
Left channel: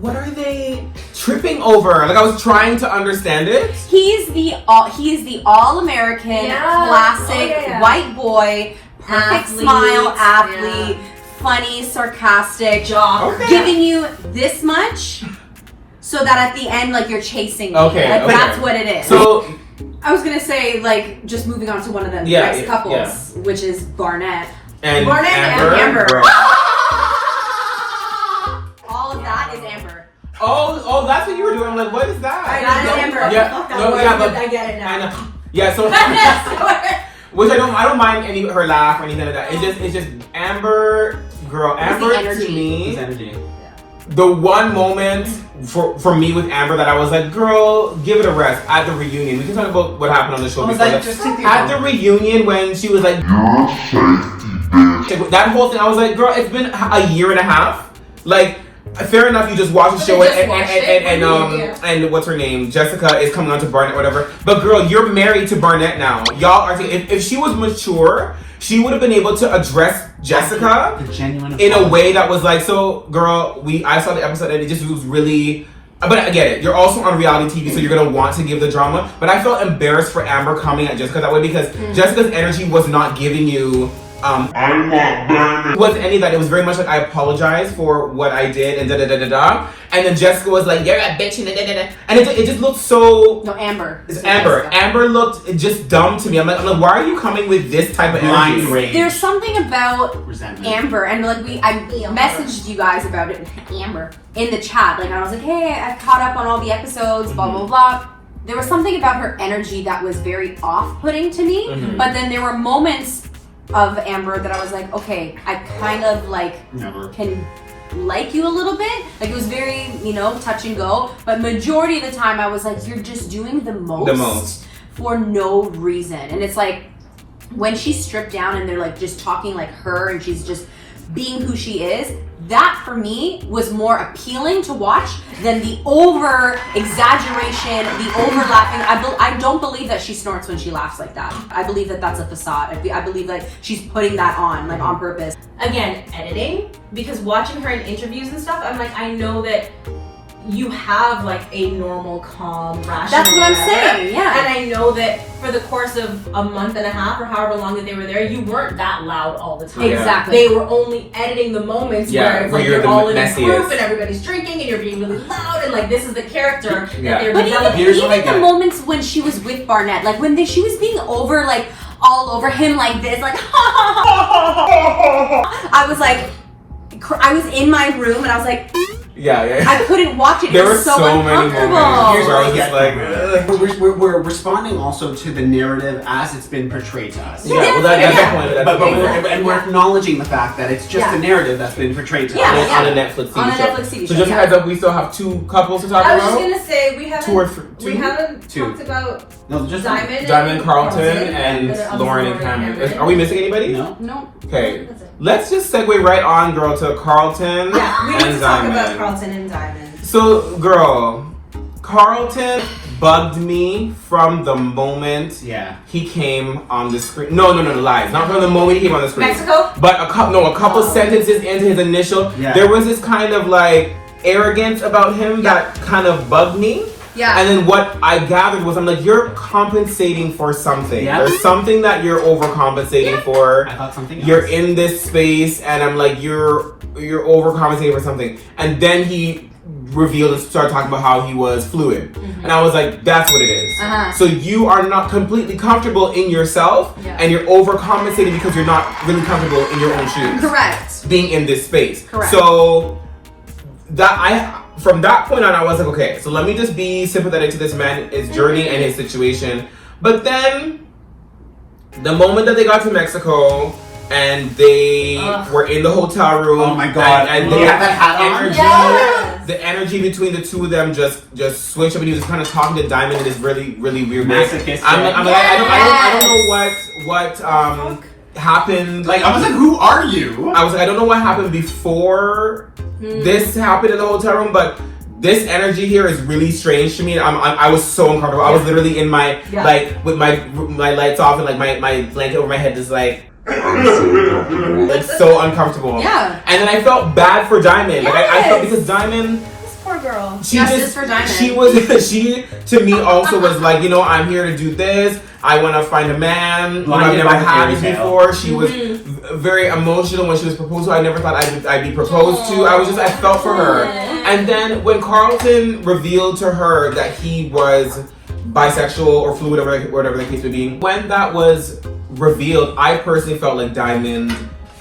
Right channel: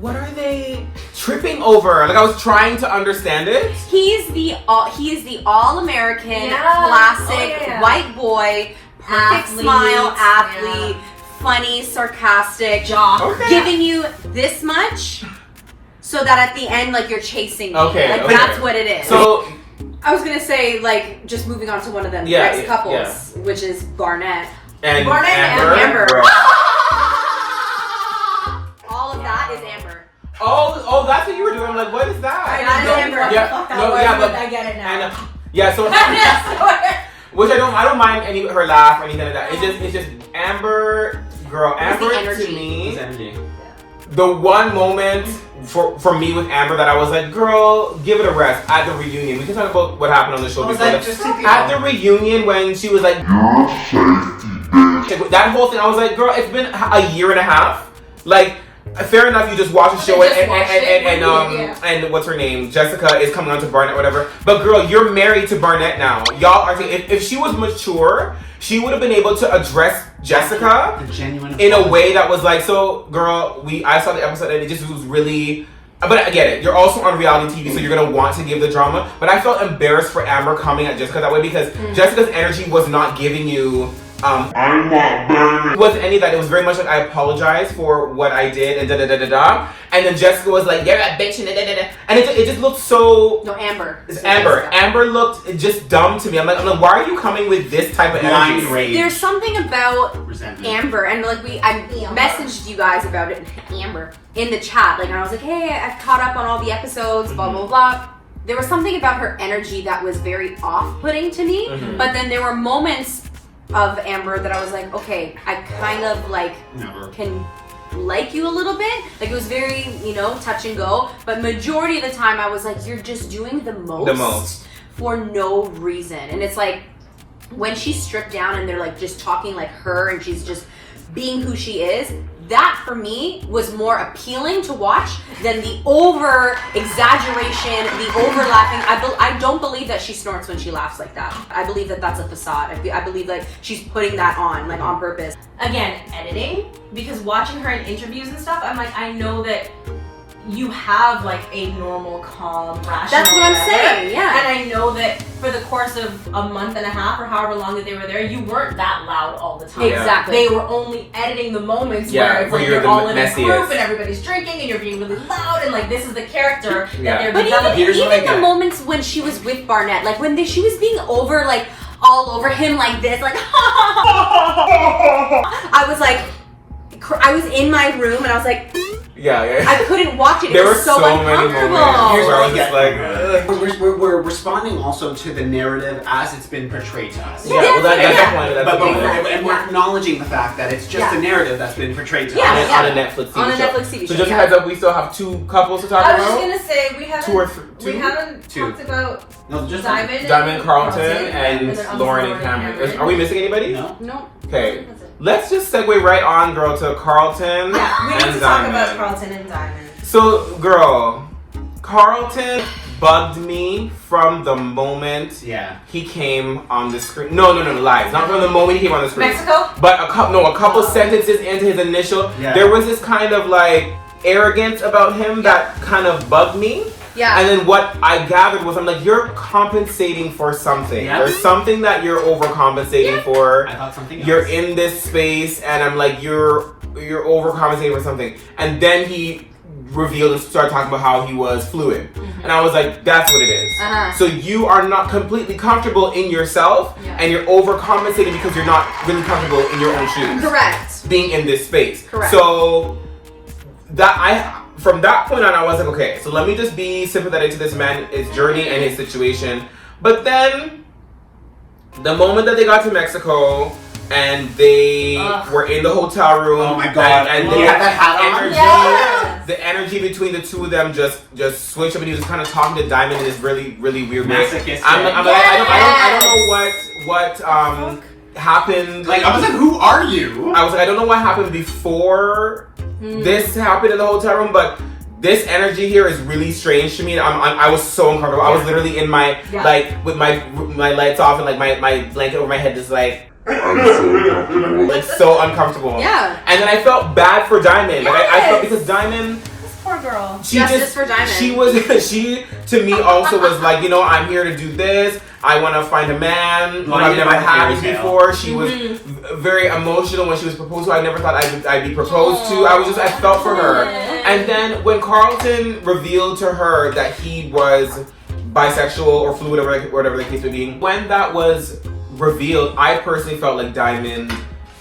what are they tripping over? Like I was trying to understand it. He's the all-American, classic white boy, perfect smile, athlete, funny, sarcastic, giving you this much, so that at the end, like you're chasing me. That's what it is. So I was gonna say, like, just moving on to one of the next couples, which is Barnett and Amber. Girl. All of that is Amber. Oh, that's what you were doing. I'm like, what is that? That is Amber. But I get it now. I know. Yeah, so which I don't mind her laugh or anything like that. It's just Amber, girl. Amber to me. The one moment for me with Amber that I was like, girl, give it a rest at the reunion. We can talk about what happened on the show before. At the reunion when she was like, You're safety, bitch. That whole thing, I was like, girl, it's been a year and a half. Like, fair enough, you just watch the show and what's her name? Jessica is coming on to Barnett, whatever. But girl, you're married to Barnett now. Y'all are, if she was mature, she would have been able to address Jessica in a way that was like, so girl, I saw the episode and it just was really, but I get it. You're also on reality TV, so you're gonna want to give the drama. But I felt embarrassed for Amber coming at Jessica that way because Jessica's energy was not giving you I'm not burning. It wasn't any of that. It was very much like, I apologize for what I did and da-da-da-da-da. And then Jessica was like, you're a bitch and da-da-da-da. And it just looked so... No, Amber. It's Amber. Amber looked just dumb to me. I'm like, why are you coming with this type of energy? There's something about Amber, and like I messaged you guys about it, Amber, in the chat. Like I was like, hey, I've caught up on all the episodes, blah, blah, blah. There was something about her energy that was very off-putting to me. But then there were moments of Amber that I was like, okay, I kind of like can like you a little bit. Like it was very, touch and go. But majority of the time I was like, you're just doing the most for no reason. And it's like when she's stripped down and they're like just talking like her and she's just being who she is, that for me was more appealing to watch than the over exaggeration, the overlapping. I don't believe that she snorts when she laughs like that. I believe that that's a facade. I believe that she's putting that on, like on purpose. Again, editing, because watching her in interviews and stuff, I'm like, I know that you have like a normal, calm, rational. That's what I'm whatever. saying, yeah. And I know that for the course of a month and a half or however long that they were there, you weren't that loud all the time. Exactly. They were only editing the moments where it's like you're you're the all in a messiest. group and everybody's drinking and you're being really loud and like this is the character that they're But developing. even the moments when she was with Barnett, like when she was being over, like all over him like this, like I was like, I was in my room and I was like, I couldn't watch it. There It were was so so many uncomfortable. moments where I was just like, ugh. We're responding also to the narrative as it's been portrayed to us. Yeah, well, that's the point. That's But the point. and we're acknowledging the fact that it's just a narrative that's been portrayed to us. On a Netflix TV On a show. Netflix TV So show, just yeah. a heads up, we still have 2 couples to talk I was just about. gonna say we haven't 2 or 3. we haven't talked about No, just Diamond Carlton, and and Lauren and Cameron. Are we missing anybody? No. No. Okay. Let's just segue right on, girl, to Carlton Yeah, we need and to talk about Diamond. Carlton and Diamond. So, girl, Carlton bugged me from the moment he came on the screen. No, lies. Not from the moment he came on the screen. Mexico? But a couple sentences into his initial, there was this kind of like arrogance about him that kind of bugged me. Yeah. And then what I gathered was, I'm like, you're compensating for something. Yeah. There's something that you're overcompensating for. I thought something else. You're in this space, and I'm like, you're overcompensating for something. And then he revealed and started talking about how he was fluid. And I was like, that's what it is. So you are not completely comfortable in yourself, and you're overcompensating because you're not really comfortable in your own shoes. Correct. Being in this space. Correct. So from that point on, I was like, okay, so let me just be sympathetic to this man, his journey and his situation. But then, the moment that they got to Mexico and they were in the hotel room, oh my god, and they the had that hat on. energy, the energy between the two of them just switched up, and he was just kind of talking to Diamond in this really, really weird way. I'm like, I don't know what happened. Like, I was like, who are you? I was like, I don't know what happened before this happened in the hotel room, but this energy here is really strange to me. And I was so uncomfortable. I was literally in my like with my lights off and like my blanket over my head, just like. I'm so uncomfortable. Like so uncomfortable. Yeah. And then I felt bad for Diamond. Like I felt because Diamond. Poor girl. Justice for Diamond. She to me also was like, you know, I'm here to do this. I want to find a man. I've never had it before. She was very emotional when she was proposed to. I never thought I'd be proposed to. I felt for her. And then when Carlton revealed to her that he was bisexual or fluid, whatever the case may be, when that was revealed, I personally felt like Diamond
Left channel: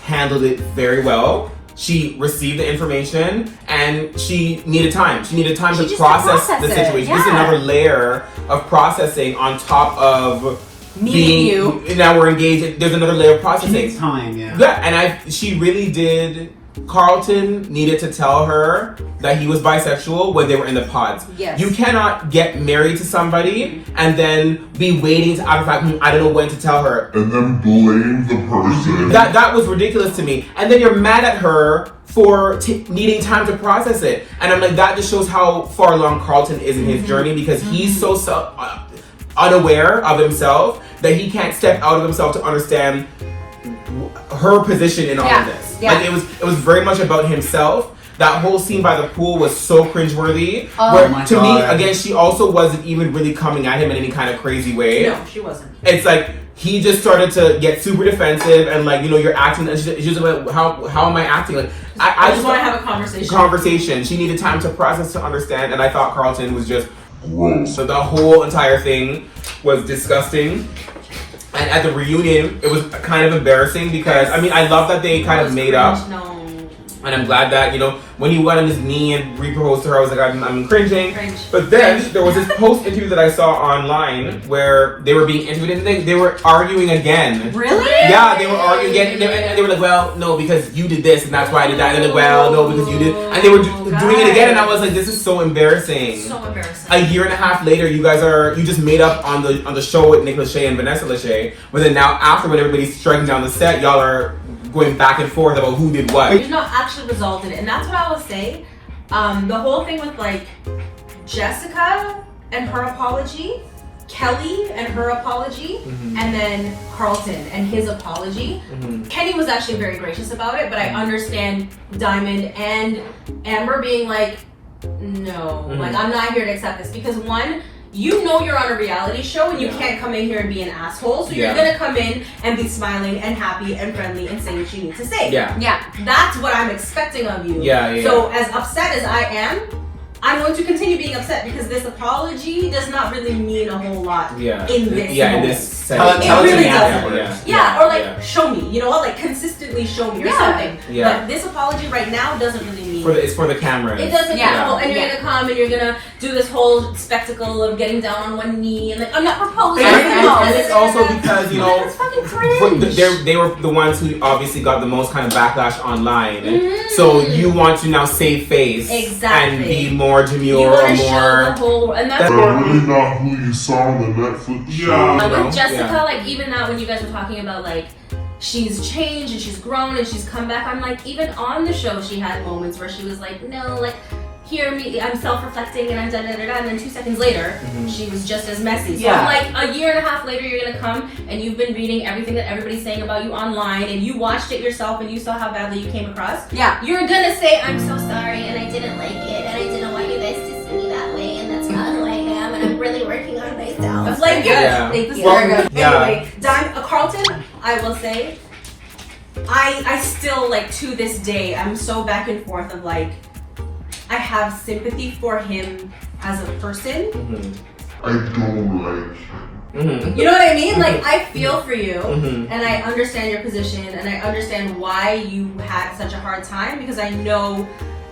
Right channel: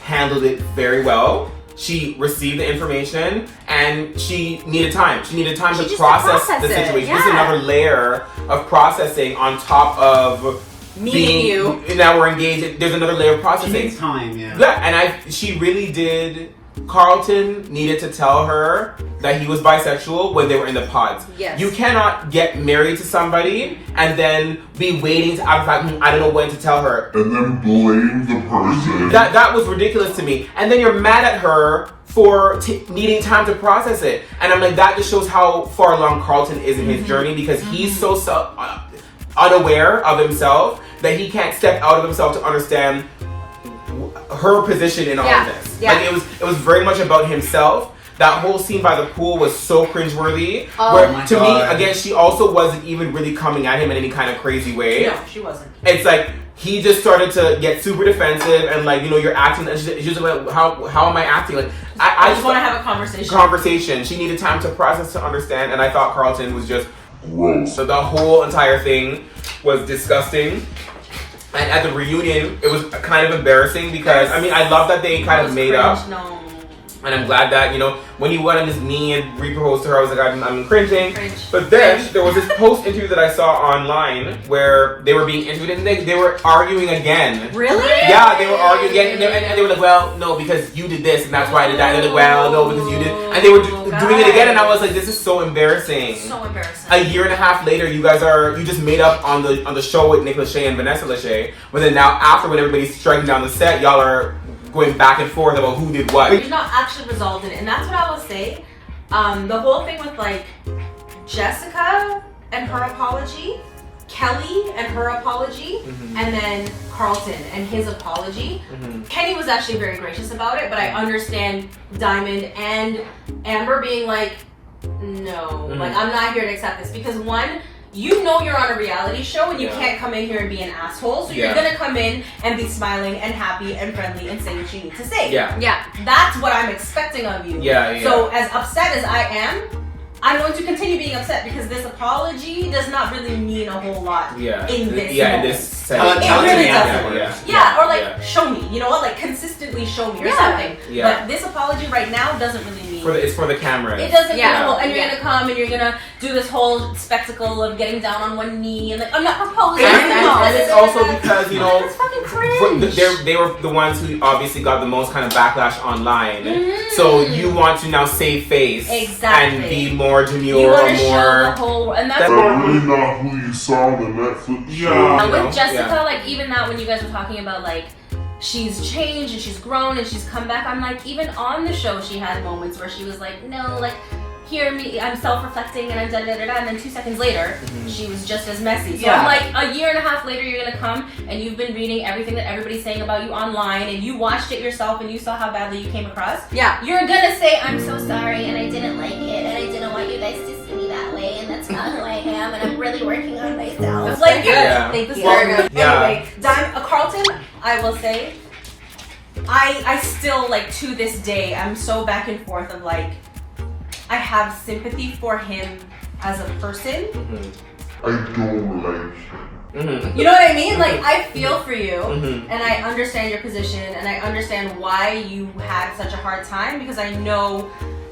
handled it very well. She received the information and she needed time. She needed time to process the situation. This is another layer of processing on top of meeting you. Now we're engaged. There's another layer of processing. She needs time, and she really did. Carlton needed to tell her that he was bisexual when they were in the pods. Yes. You cannot get married to somebody and then be waiting to after fact, I don't know when to tell her. And then blame the person. That was ridiculous to me. And then you're mad at her for needing time to process it. And I'm like, that just shows how far along Carlton is in his journey, because he's so unaware of himself that he can't step out of himself to understand her position in all of this. Yeah. Like it was very much about himself. That whole scene by the pool was so cringeworthy. my to me, God. again, she also wasn't even really coming at him in any kind of crazy way. No, she wasn't. It's like he just started to get super defensive and like, you know, you're acting. And she's like, how am I acting? Like I just want to have a conversation. Conversation. She needed time to process, to understand, and I thought Carlton was just gross. So the whole entire thing was disgusting. And at the reunion, it was kind of embarrassing because, I mean, I love that they kind of made up. No. And I'm glad that, you know, when he went on his knee and re-proposed to her, I was like, I'm cringing. Cringe. But then there was this post-interview that I saw online where they were being interviewed and they were arguing again. Really? Yeah, they were arguing again. And they were like, well, no, because you did this and that's why I did that. And they're like, well, no, because you did. And they were doing it again. And I was like, this is so embarrassing. So embarrassing. A year and a half later, you just made up on the show with Nick Lachey and Vanessa Lachey. But then now after, when everybody's striking down the set, y'all are going back and forth about who did what. It's not actually resolved in it, and that's what I will say. The whole thing with like Jessica and her apology, Kelly and her apology, and then Carlton and his apology. Kenny was actually very gracious about it, but I understand Diamond and Amber being like, no, like I'm not here to accept this, because one, you know you're on a reality show and you can't come in here and be an asshole, so you're gonna come in and be smiling and happy and friendly and say what you need to say. Yeah. That's what I'm expecting of you. Yeah. So as upset as I am, I'm going to continue being upset because this apology does not really mean a whole lot in this moment. in this sense. Tell it really to me doesn't. afterwards. Or like show me, you know what, like consistently show me or something. Yeah. But this apology right now doesn't really mean It's for the camera. it doesn't Yeah. and you're gonna come and you're gonna do this whole spectacle of getting down on one knee and like, I'm not proposing. And it's also because, you know, That's fucking cringe. they were the ones who obviously got the most kind of backlash online. So you want to now save face and be more demure or show the more. whole, and that's That's really not who you saw on the Netflix show. with Jessica, like even that when you guys were talking about like she's changed and she's grown and she's come back, I'm like, even on the show she had moments where she was like, no, like hear me, I'm self-reflecting and I'm da-da-da-da, and then 2 seconds later she was just as messy. So I'm like, a year and a half later you're gonna come and you've been reading everything that everybody's saying about you online and you watched it yourself and you saw how badly you came across. You're gonna say, I'm so sorry and I didn't like it and I didn't want you guys to see me that way and that's not who I am and I'm really working on myself. It's like good. Anyway, Carlton, I will say, I still like to this day I'm so back and forth of like, I have sympathy for him as a person. I don't like him. You know what I mean? Like, I feel for you, and I understand your position, and I understand why you had such a hard time, because I know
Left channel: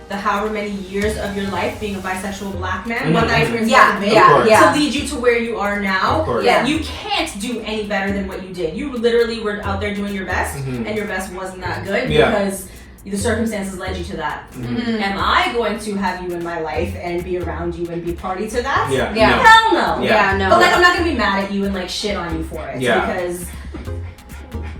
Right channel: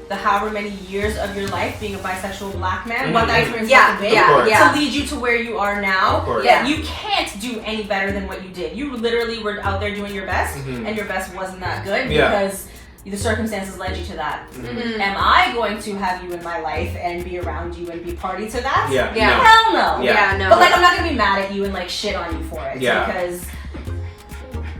the however many years of your life being a bisexual black man, what that experience to lead you to where you are now. You can't do any better than what you did. You literally were out there doing your best, and your best wasn't that good because the circumstances led you to that. Am I going to have you in my life and be around you and be party to that? Hell no. No. But like, I'm not gonna be mad at you and like shit on you for it because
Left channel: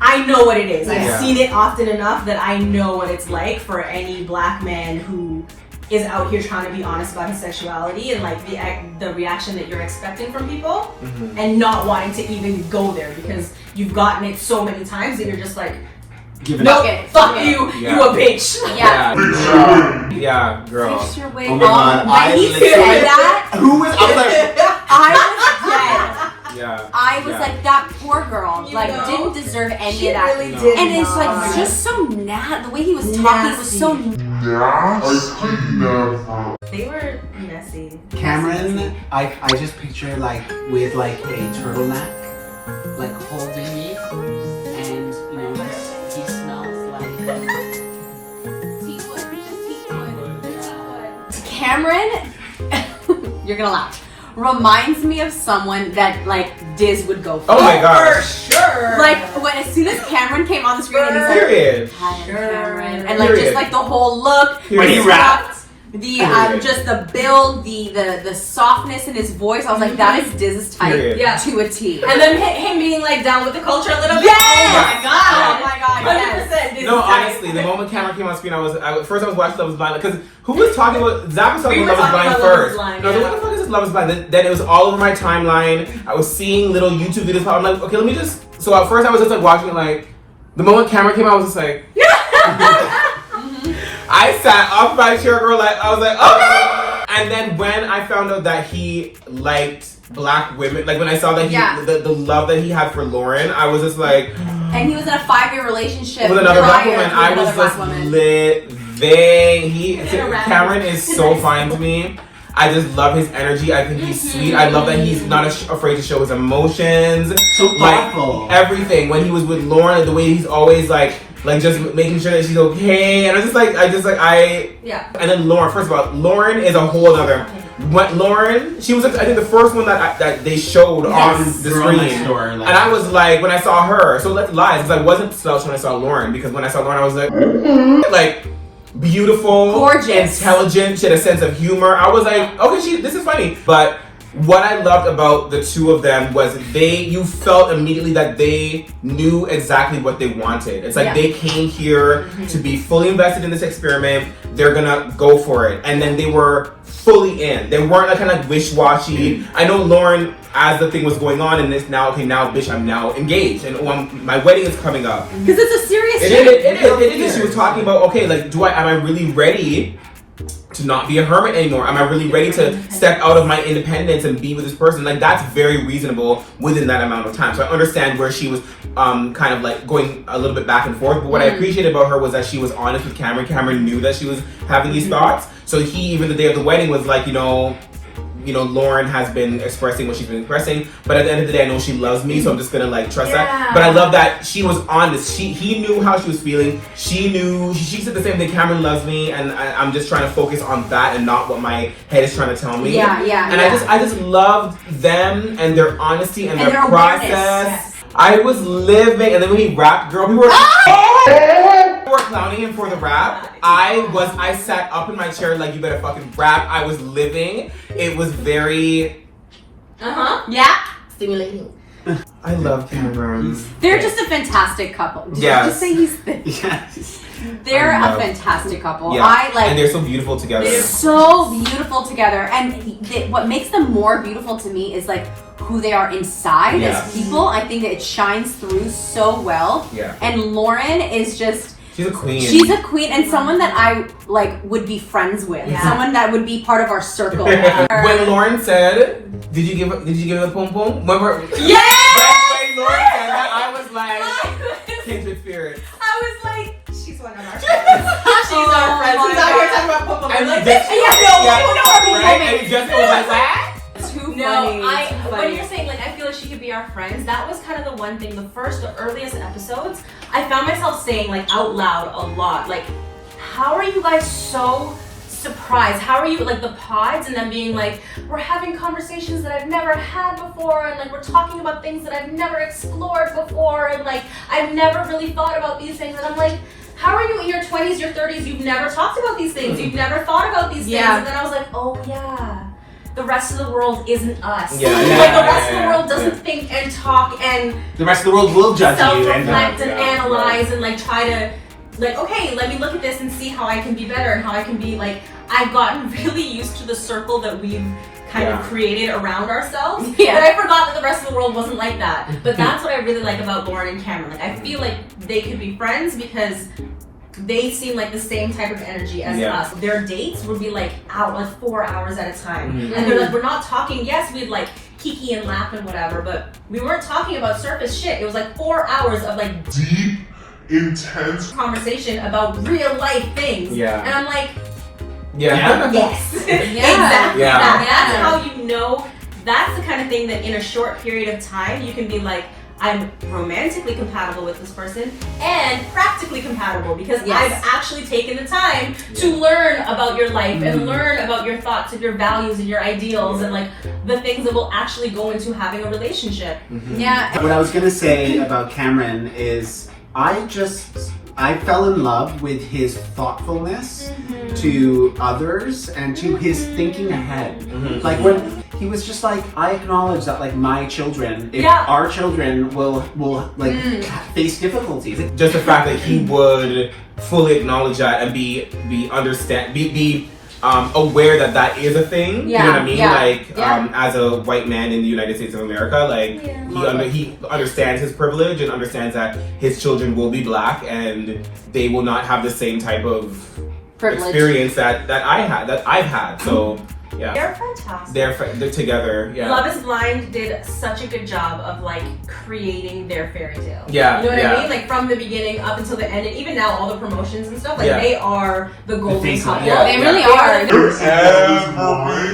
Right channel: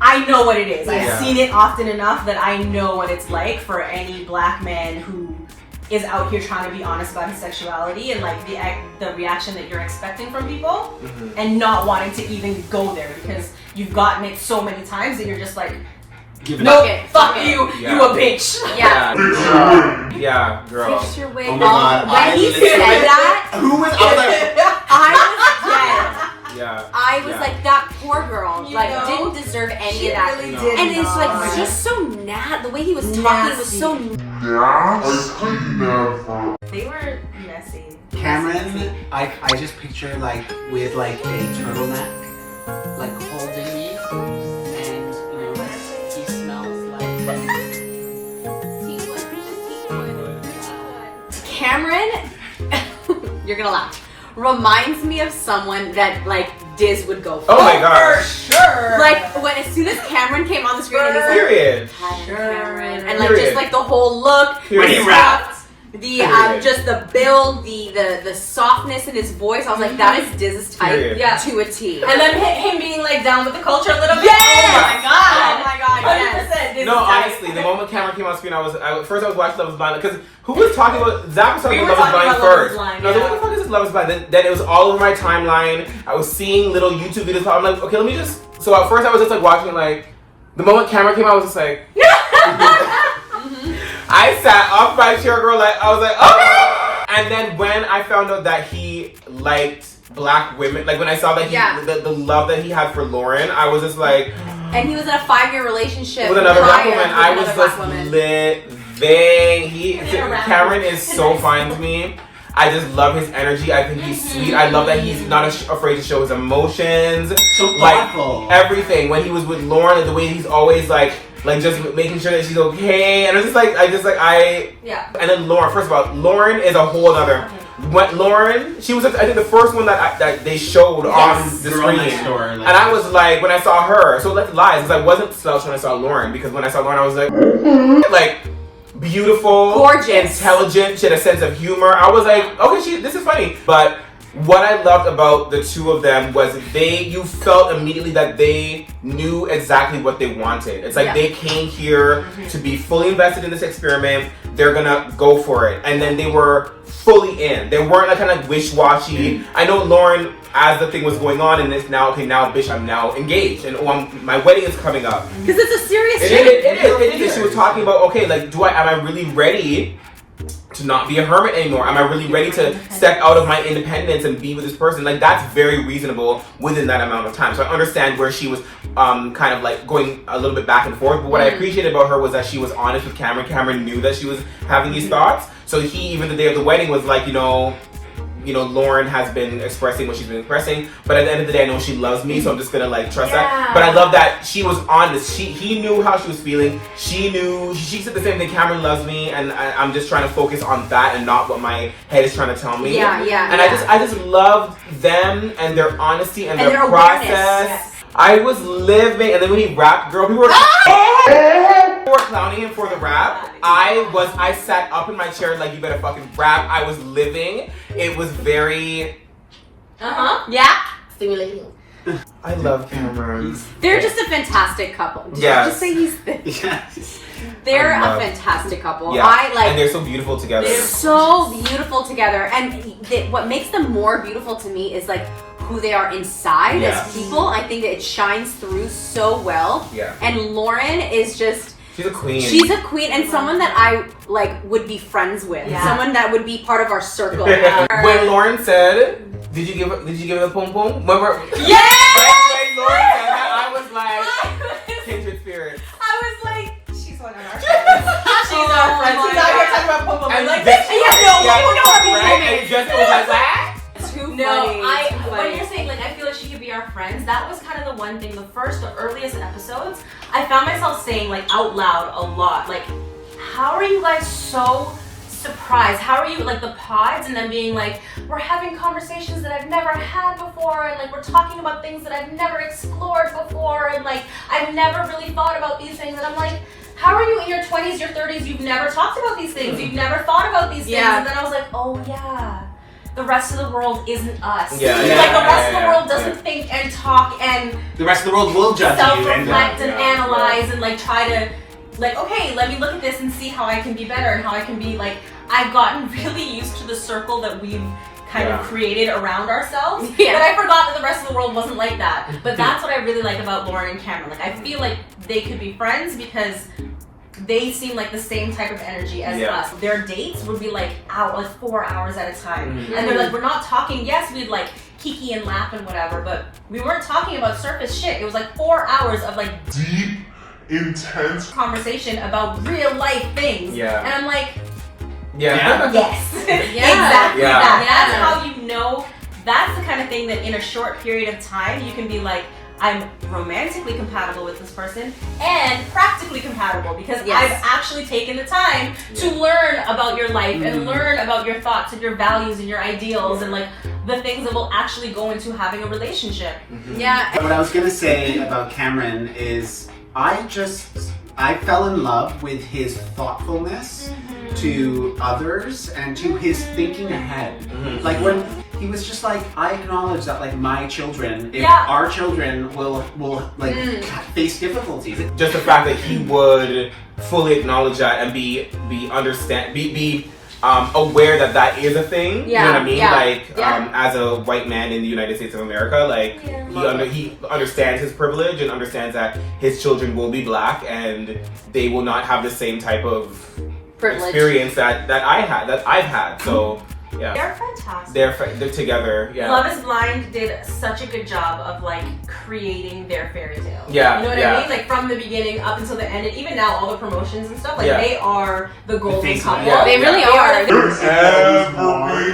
I know what it is. I've seen it often enough that I know what it's like for any black man who is out here trying to be honest about his sexuality and like the reaction that you're expecting from people and not wanting to even go there because you've gotten it so many times and you're just like, no, fuck you, you a bitch. Yeah, girl. Fix your wig. Oh my God, When he said that, Who was out there? I was dead. Yeah. I was like, that poor girl, didn't deserve any of that. Really did And it's not. like just so the way he was talking was so I could never. They were messy. Cameron, I just picture like with like a turtleneck, like holding me, and you know, he smells like Cameron, you're gonna laugh, reminds me of someone that like Diz would go for. Oh my gosh. For sure. Like as soon as Cameron came on the screen and he's like, Period. hi, I'm Cameron, and like just like the whole look, Period. the stuff, the just the build, the softness in his voice. I was like, that is Diz's type to a T. And then him being like down with the culture a little bit. Yes! Oh Oh my God, yes. 100%. No, honestly, the moment Cameron came on screen, I was watching Love Is Blind because who was talking about Zach was talking about Love Is Blind first. And I was like, what the fuck is this Love Is Blind? Then it was all over my timeline. I was seeing little YouTube videos. I'm like, okay, let me just. So at first I was just like watching it. Like the moment Cameron came out, I was just like. I sat off my chair, girl. Like I was like, okay. And then when I found out that he liked black women, like when I saw that he the love that he had for Lauren, I was just like. And he was in a 5-year relationship with another black prior woman. to I another was black just woman. living. Cameron is so fine to me. I just love his energy. I think he's sweet. I love that he's not afraid to show his emotions. So thoughtful. Like everything. When he was with Lauren, like, the way he's always like just making sure that she's okay. And And then Lauren. First of all, Lauren is a whole other. When Lauren, she was I think the first one that they showed on the screen. And I was like, when I saw her, so let's lie, because I wasn't slouched when I saw Lauren, because when I saw Lauren, I was like beautiful, gorgeous, intelligent. She had a sense of humor. I was like, okay, this is funny. But what I loved about the two of them was you felt immediately that they knew exactly what they wanted. It's like they came here to be fully invested in this experiment. They're gonna go for it. And then they were fully in. They weren't like kind of wish-washy. I know Lauren, as the thing was going on, and it's now, okay, now, bitch, I'm now engaged. And my wedding is coming up. Because it's a serious shit. It is. She was talking about, okay, like, am I really ready to not be a hermit anymore? Am I really ready to step out of my independence and be with this person? Like, that's very reasonable within that amount of time. So I understand where she was kind of like going a little bit back and forth. But what I appreciated about her was that she was honest with Cameron. Cameron knew that she was having these thoughts. So he, even the day of the wedding, was like, you know, Lauren has been expressing what she's been expressing, but at the end of the day, I know she loves me, so I'm just gonna like trust that. But I love that she was honest. He knew how she was feeling. She knew. She said the same thing. Cameron loves me, and I'm just trying to focus on that and not what my head is trying to tell me. And I just loved them and their honesty and their process. Yes. I was living, and then when he rapped, girl, we were clowning him for the rap. I sat up in my chair like, you better fucking rap. I was living. It was very stimulating. I love Cameron. They're just a fantastic couple. Did you just say he's They're a fantastic couple. Yeah. And they're so beautiful together. They're so beautiful together. And what makes them more beautiful to me is like who they are inside as people. I think that it shines through so well. Yeah. And Lauren is just... She's a queen. She's a queen and someone that I like would be friends with. Yeah. Someone that would be part of our circle. When Lauren said, "Did you give her the pom pom?" Remember? Yeah. When Lauren said that, I was like, kindred spirits. I was like, she's one of our friends. She's our friend. She's out here talking about pom pom. And like, and Jessica was like, what? Too no, funny. When you're saying like I feel like she could be our friends, that was kind of the one thing. The earliest episodes, I found myself saying like out loud a lot, like, how are you guys so surprised? How are you like the pods and then being like, we're having conversations that I've never had before, and like we're talking about things that I've never explored before, and like I've never really thought about these things, and I'm like, how are you in your 20s, your 30s? You've never talked about these things. You've never thought about these things, and then I was like, oh yeah. The rest of the world isn't us. Like the rest of the world doesn't think and talk, and the rest of the world will judge you self-reflect and analyze and like try to like, okay, let me look at this and see how I can be better and how I can be like, I've gotten really used to the circle that we've kind of created around ourselves. But I forgot that the rest of the world wasn't like that. But that's what I really like about Lauren and Cameron. Like I feel like they could be friends because they seem like the same type of energy as us. Their dates would be like 4 hours at a time. And they're like, we're not talking, yes, we'd like kiki and laugh and whatever, but we weren't talking about surface shit. It was like 4 hours of like deep, intense conversation about real life things. And I'm like, yes. Exactly that. That's how you know. That's the kind of thing that in a short period of time you can be like, I'm romantically compatible with this person and practically compatible because I've actually taken the time to learn about your life and learn about your thoughts and your values and your ideals and like the things that will actually go into having a relationship. What I was gonna say about Cameron is I fell in love with his thoughtfulness to others and to his thinking ahead. Like when he was just like, I acknowledge that like my children, if our children will like face difficulties. Just the fact that he would fully acknowledge that and be aware that that is a thing. You know what I mean? Like as a white man in the United States of America, like he understands his privilege and understands that his children will be black and they will not have the same type of experience that I've had. So they're fantastic. They're together. Love is Blind did such a good job of like creating their fairy tale. You know what I mean? Like from the beginning up until the end, and even now all the promotions and stuff, like they are the golden couple. They really are.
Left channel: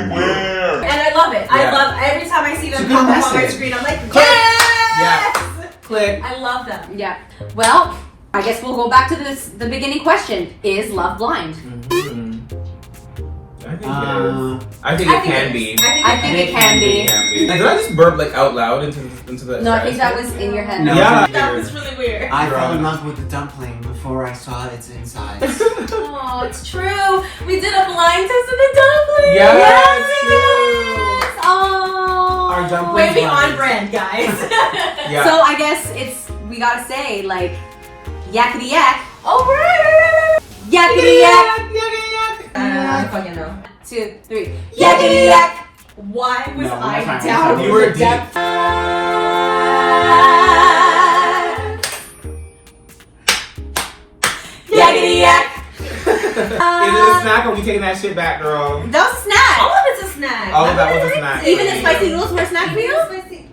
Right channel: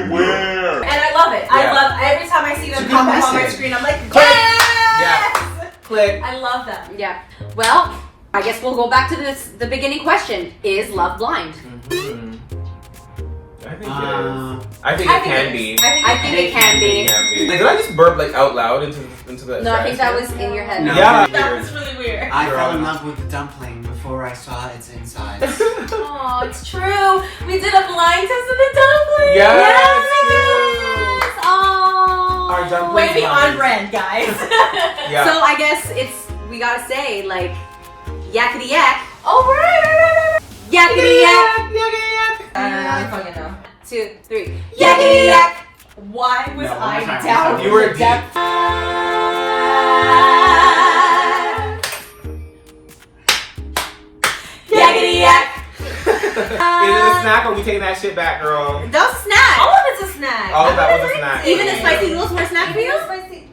everywhere. And I love it. I love every time I see them pop up on my screen. I'm like, yes! Click. I love them. Yeah. Well, I guess we'll go back to the beginning question: is love blind? I think it can be. I think it can be. Did I just burp like out loud into the? No, I think that was in your head. Yeah, that was really weird. I fell in love with the dumpling before I saw its insides. Oh, it's true. We did a blind test of the dumpling. Yeah, it's true. Oh. brand, guys. Yeah. So I guess we gotta say like, yakety yak. Oh, right. Yakety yak. I don't fucking know. 2, 3. Yakety yak. Why was No, I one more time. down? You were in the deep. depths? Yakety yak. Is it a snack or we taking that shit back, girl? That was a snack. All of it's a snack. All of that was a snack. Even the spicy noodles were a snack for you? Spicy.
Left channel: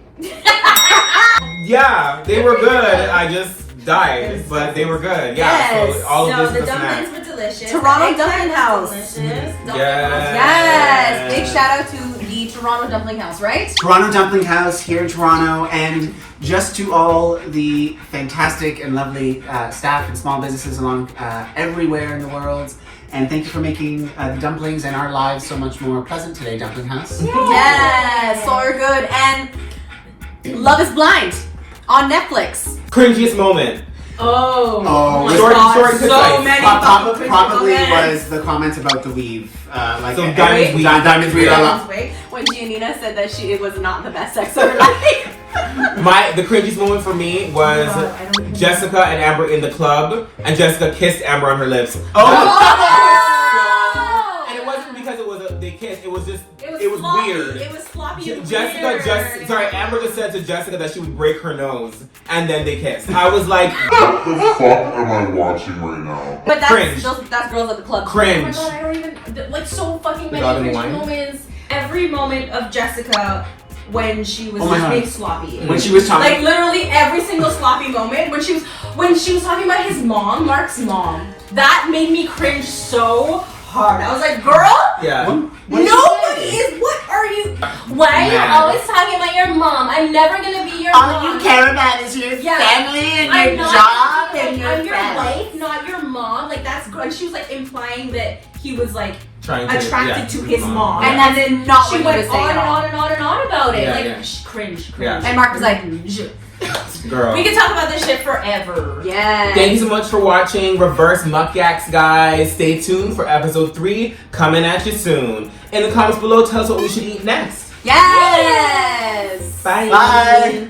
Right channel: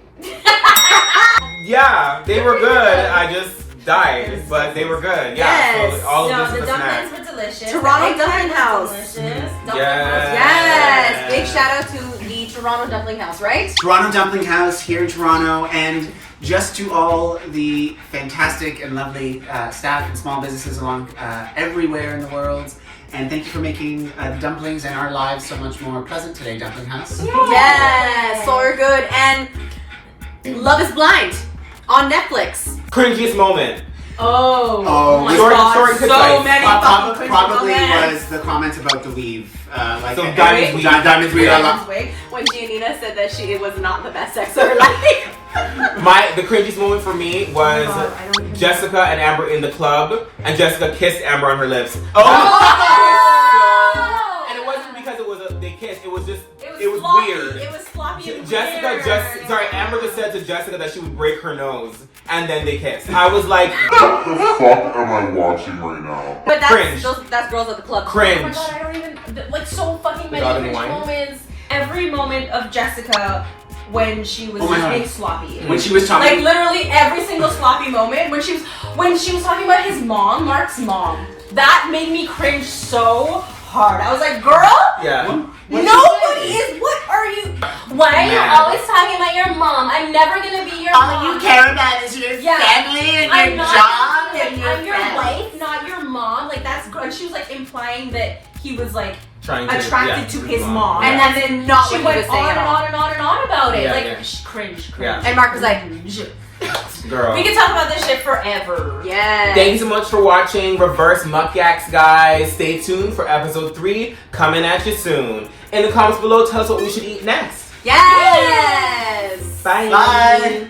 Yeah, they were good. I just died, but they were good. Yeah, Yes. so all of No, this the is a dumplings snack. were delicious. Toronto The Dumpling eggplant House. was delicious. Dumpling Yes. House. Yes. Big shout out to the Toronto Dumpling House, right? Toronto Dumpling House here in Toronto, and just to all the fantastic and lovely staff and small businesses along everywhere in the world. And thank you for making the dumplings and our lives so much more pleasant today, Dumpling House. Yes, so we're good. And Love is Blind on Netflix. Cringiest moment. Oh. my Short, God. short and concise. So many Probably comments. was the comment about the weave. Like So Diamond's weave. Diamond's weave. Diamond's wig. When Giannina said that it was not the best sex of her life. The cringiest moment for me was I don't even Jessica and Amber in the club, and Jessica kissed Amber on her lips. Oh! And it wasn't because they kissed. It was just It was sloppy. weird. It was sloppy. and Jessica Amber just said to Jessica that she would break her nose, and then they kissed. I was like, What the fuck am I watching right now? But Cringe. that's girls at the club. Oh my cringe. God, I don't even like so fucking The dog many and cringe wine? moments. Every moment of Jessica when she was Oh my just God. being sloppy. When she was talking. Like literally every single sloppy moment when she was talking about his mom, Mark's mom. That made me cringe so hard. I was like, girl, Yeah. nobody is. What are you? Why are you Mad. always talking about your mom? I'm never gonna be your All mom. you care about is your Yeah. family and I'm your not job like, and your I'm your friends. wife, not your mom. Like that's good. And she was like implying that he was like Trying to attracted to his mom. And then not she what went he was saying on at and all. on and on and on about it. Yeah, like yeah. cringe. Yeah. And Mark was like, Girl. We could talk about this shit forever. yes. Thank you so much for watching rIVerse MukYaks, guys. Stay tuned for episode 3 coming at you soon. In the comments below, tell us what we should eat next. Yes. Bye. Bye.